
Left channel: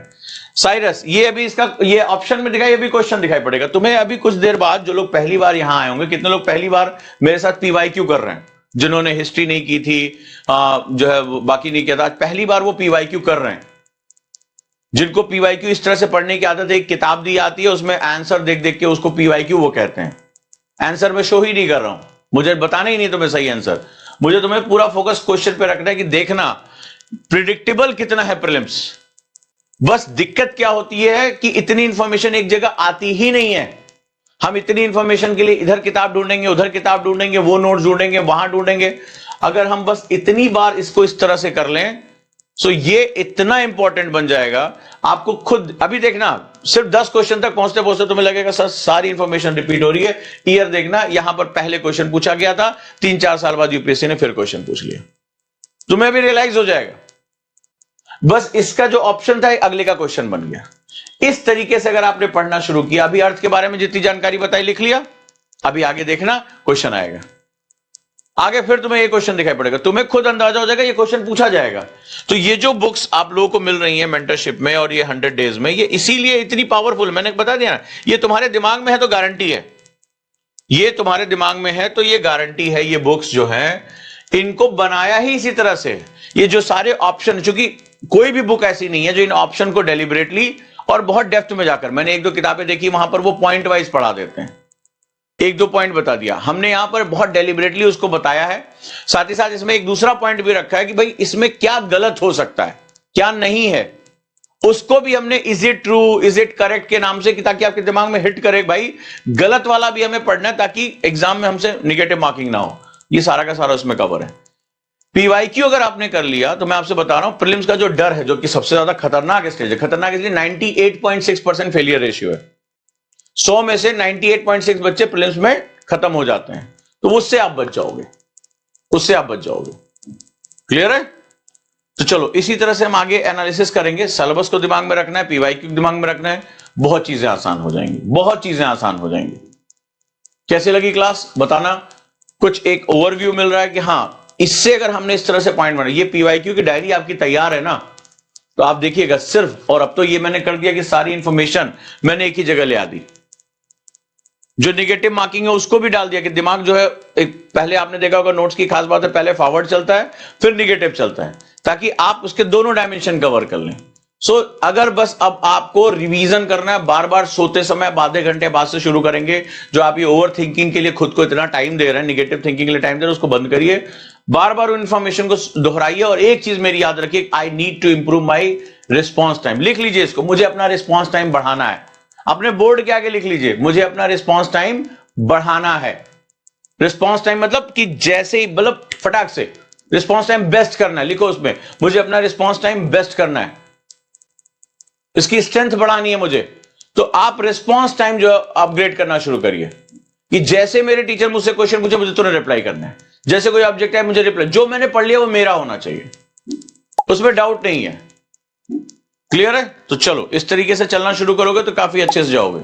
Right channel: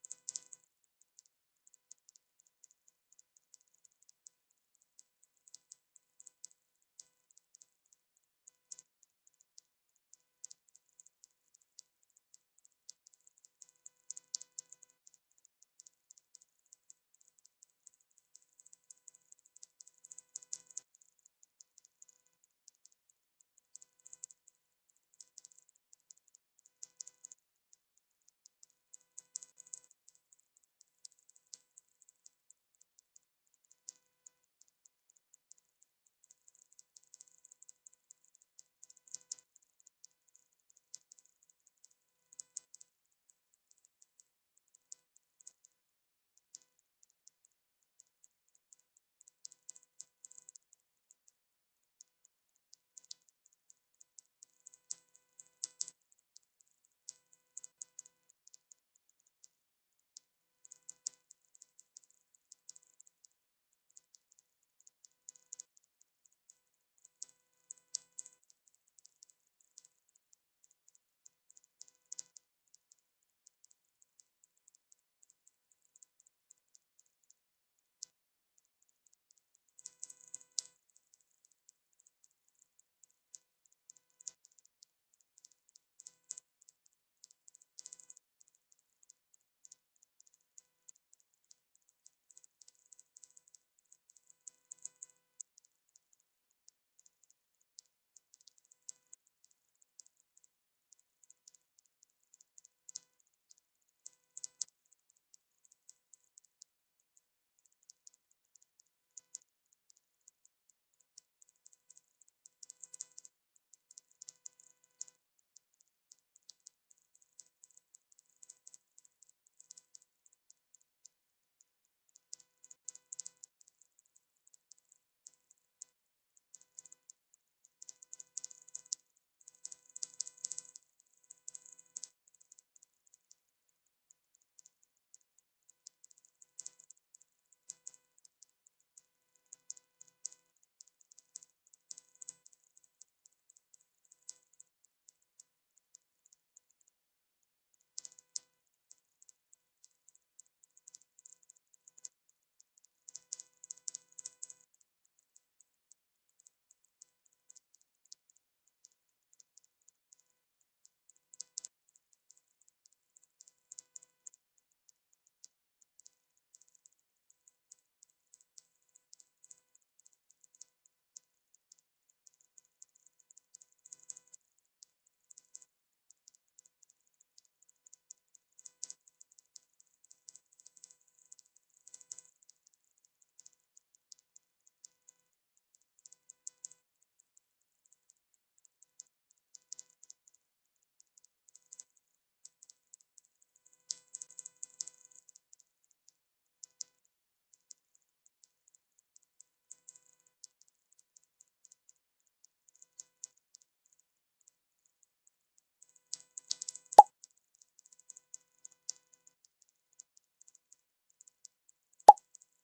साइरस, ये अभी इसका ये ऑप्शन में दिखाई, अभी क्वेश्चन दिखाई पड़ेगा तुम्हें अभी कुछ देर बाद। जो लोग पहली बार यहां आए होंगे, कितने लोग पहली बार मेरे साथ पीवाईक्यू कर रहे हैं, जिन्होंने हिस्ट्री नहीं की थी, जो है बाकी नहीं किया था, आज पहली बार वो पीवाईक्यू कर रहे हैं। जिनको पीवाईक्यू इस तरह से पढ़ने की आदत है, एक किताब दी आती है उसमें आंसर देख देख के उसको पीवाईक्यू वो कहते हैं। आंसर में शो ही नहीं कर रहा हूं, मुझे बताना ही नहीं तुम्हें सही आंसर, मुझे तुम्हें पूरा फोकस क्वेश्चन पे रखना है कि देखना प्रिडिक्टेबल कितना है प्रीलिम्स। बस दिक्कत क्या होती है कि इतनी इंफॉर्मेशन एक जगह आती ही नहीं है। हम इतनी इंफॉर्मेशन के लिए इधर किताब ढूंढेंगे, उधर किताब ढूंढेंगे, वो नोट्स ढूंढेंगे, वहां ढूंढेंगे। अगर हम बस इतनी बार इसको इस तरह से कर लें तो ये इतना इंपॉर्टेंट बन जाएगा आपको खुद। अभी देखना, सिर्फ 10 क्वेश्चन तक पहुंचते पहुंचते तुम्हें लगेगा सर सारी इंफॉर्मेशन रिपीट हो रही है। ईयर देखना, यहां पर पहले क्वेश्चन पूछा गया था, 3-4 साल बाद यूपीएससी ने फिर क्वेश्चन पूछ लिया, तुम्हें भी रियलाइज हो जाएगा। बस इसका जो ऑप्शन था अगले का क्वेश्चन बन गया। इस तरीके से अगर आपने पढ़ना शुरू किया, अभी अर्थ के बारे में जितनी जानकारी बताई लिख लिया, अभी आगे देखना क्वेश्चन आएगा, आगे फिर तुम्हें ये क्वेश्चन दिखाई पड़ेगा, तुम्हें खुद अंदाजा हो जाएगा ये क्वेश्चन पूछा जाएगा। तो ये जो बुक्स आप लोगों को मिल रही हैं मेंटरशिप में और ये 100 डेज में, ये इसीलिए इतनी पावरफुल, मैंने बता दिया ना, ये तुम्हारे दिमाग में है तो गारंटी है, ये तुम्हारे दिमाग में है तो ये गारंटी है। ये बुक्स जो है इनको बनाया ही इसी तरह से। ये जो सारे ऑप्शन, चूंकि कोई भी बुक ऐसी नहीं है जो इन ऑप्शन को डेलिबरेटली और बहुत डेप्थ में जाकर, मैंने 1-2 किताबें देखी वहां पर वो पॉइंट वाइज पढ़ा देते हैं, 1-2 पॉइंट बता दिया, हमने यहां पर बहुत डेलिबरेटली उसको बताया है। साथ ही साथ इसमें एक दूसरा पॉइंट भी रखा है कि भाई इसमें क्या गलत हो सकता है, क्या नहीं है, उसको भी हमने is it true, is it correct के नाम से, कि ताकि आपके दिमाग में हिट करे भाई गलत वाला भी हमें पढ़ना है, ताकि एग्जाम में हमसे निगेटिव मार्किंग ना हो। ये सारा का सारा उसमें कवर है। पीवाईक्यू अगर आपने कर लिया तो मैं आपसे बता रहा हूं, प्रीलिम्स का जो डर है, जो कि सबसे ज्यादा खतरनाक स्टेज है, खतरनाक इसलिए 98.6% फेलियर रेशियो है। 100 में से 98.6 बच्चे प्रीलिम्स में खत्म हो जाते हैं, तो उससे आप बच जाओगे, उससे आप बच जाओगे। क्लियर है? तो चलो इसी तरह से हम आगे एनालिसिस करेंगे। सिलेबस को दिमाग में रखना है, पीवाईक्यू दिमाग में रखना है, बहुत चीजें आसान हो जाएंगी, बहुत चीजें आसान हो जाएंगी। कैसे लगी क्लास बताना। कुछ एक ओवरव्यू मिल रहा है कि हाँ, इससे अगर हमने इस तरह से पॉइंट बना, ये पीवाईक्यू की डायरी आपकी तैयार है ना, तो आप देखिएगा सिर्फ, और अब तो ये मैंने कर दिया कि सारी इंफॉर्मेशन मैंने एक ही जगह ले आ दी। जो नेगेटिव मार्किंग है उसको भी डाल दिया कि दिमाग जो है, एक पहले आपने देखा होगा नोट्स की खास बात है, पहले फॉरवर्ड चलता है फिर नेगेटिव चलता है, ताकि आप उसके दोनों डायमेंशन कवर कर लें। सो अगर बस अब आपको रिवीजन करना है, बार बार सोते समय आधे घंटे बाद से शुरू करेंगे, जो आप ये ओवर थिंकिंग के लिए खुद को इतना टाइम दे रहे हैं, नेगेटिव थिंकिंग के लिए टाइम दे रहे हैं, उसको बंद करिए, बार बार उन इंफॉर्मेशन को दोहराइए। और एक चीज मेरी याद रखिए, I need to improve my response time. लिख लीजिए इसको, मुझे अपना रिस्पॉन्स टाइम बढ़ाना है। अपने बोर्ड के आगे लिख लीजिए, मुझे अपना रिस्पॉन्स टाइम बढ़ाना है। रिस्पॉन्स टाइम मतलब कि जैसे ही, मतलब फटाक से रिस्पॉन्स टाइम बेस्ट करना है, लिखो उसमें, मुझे अपना रिस्पॉन्स टाइम बेस्ट करना है, इसकी स्ट्रेंथ बढ़ानी है मुझे। तो आप रिस्पॉन्स टाइम जो अपग्रेड करना शुरू करिए, कि जैसे मेरे टीचर मुझसे क्वेश्चन पूछे मुझे तुरंत रिप्लाई करना है, जैसे कोई ऑब्जेक्ट है मुझे रिप्लाई, जो मैंने पढ़ लिया वो मेरा होना चाहिए, उसमें डाउट नहीं है। क्लियर है? तो चलो इस तरीके से चलना शुरू करोगे तो काफी अच्छे से जाओगे।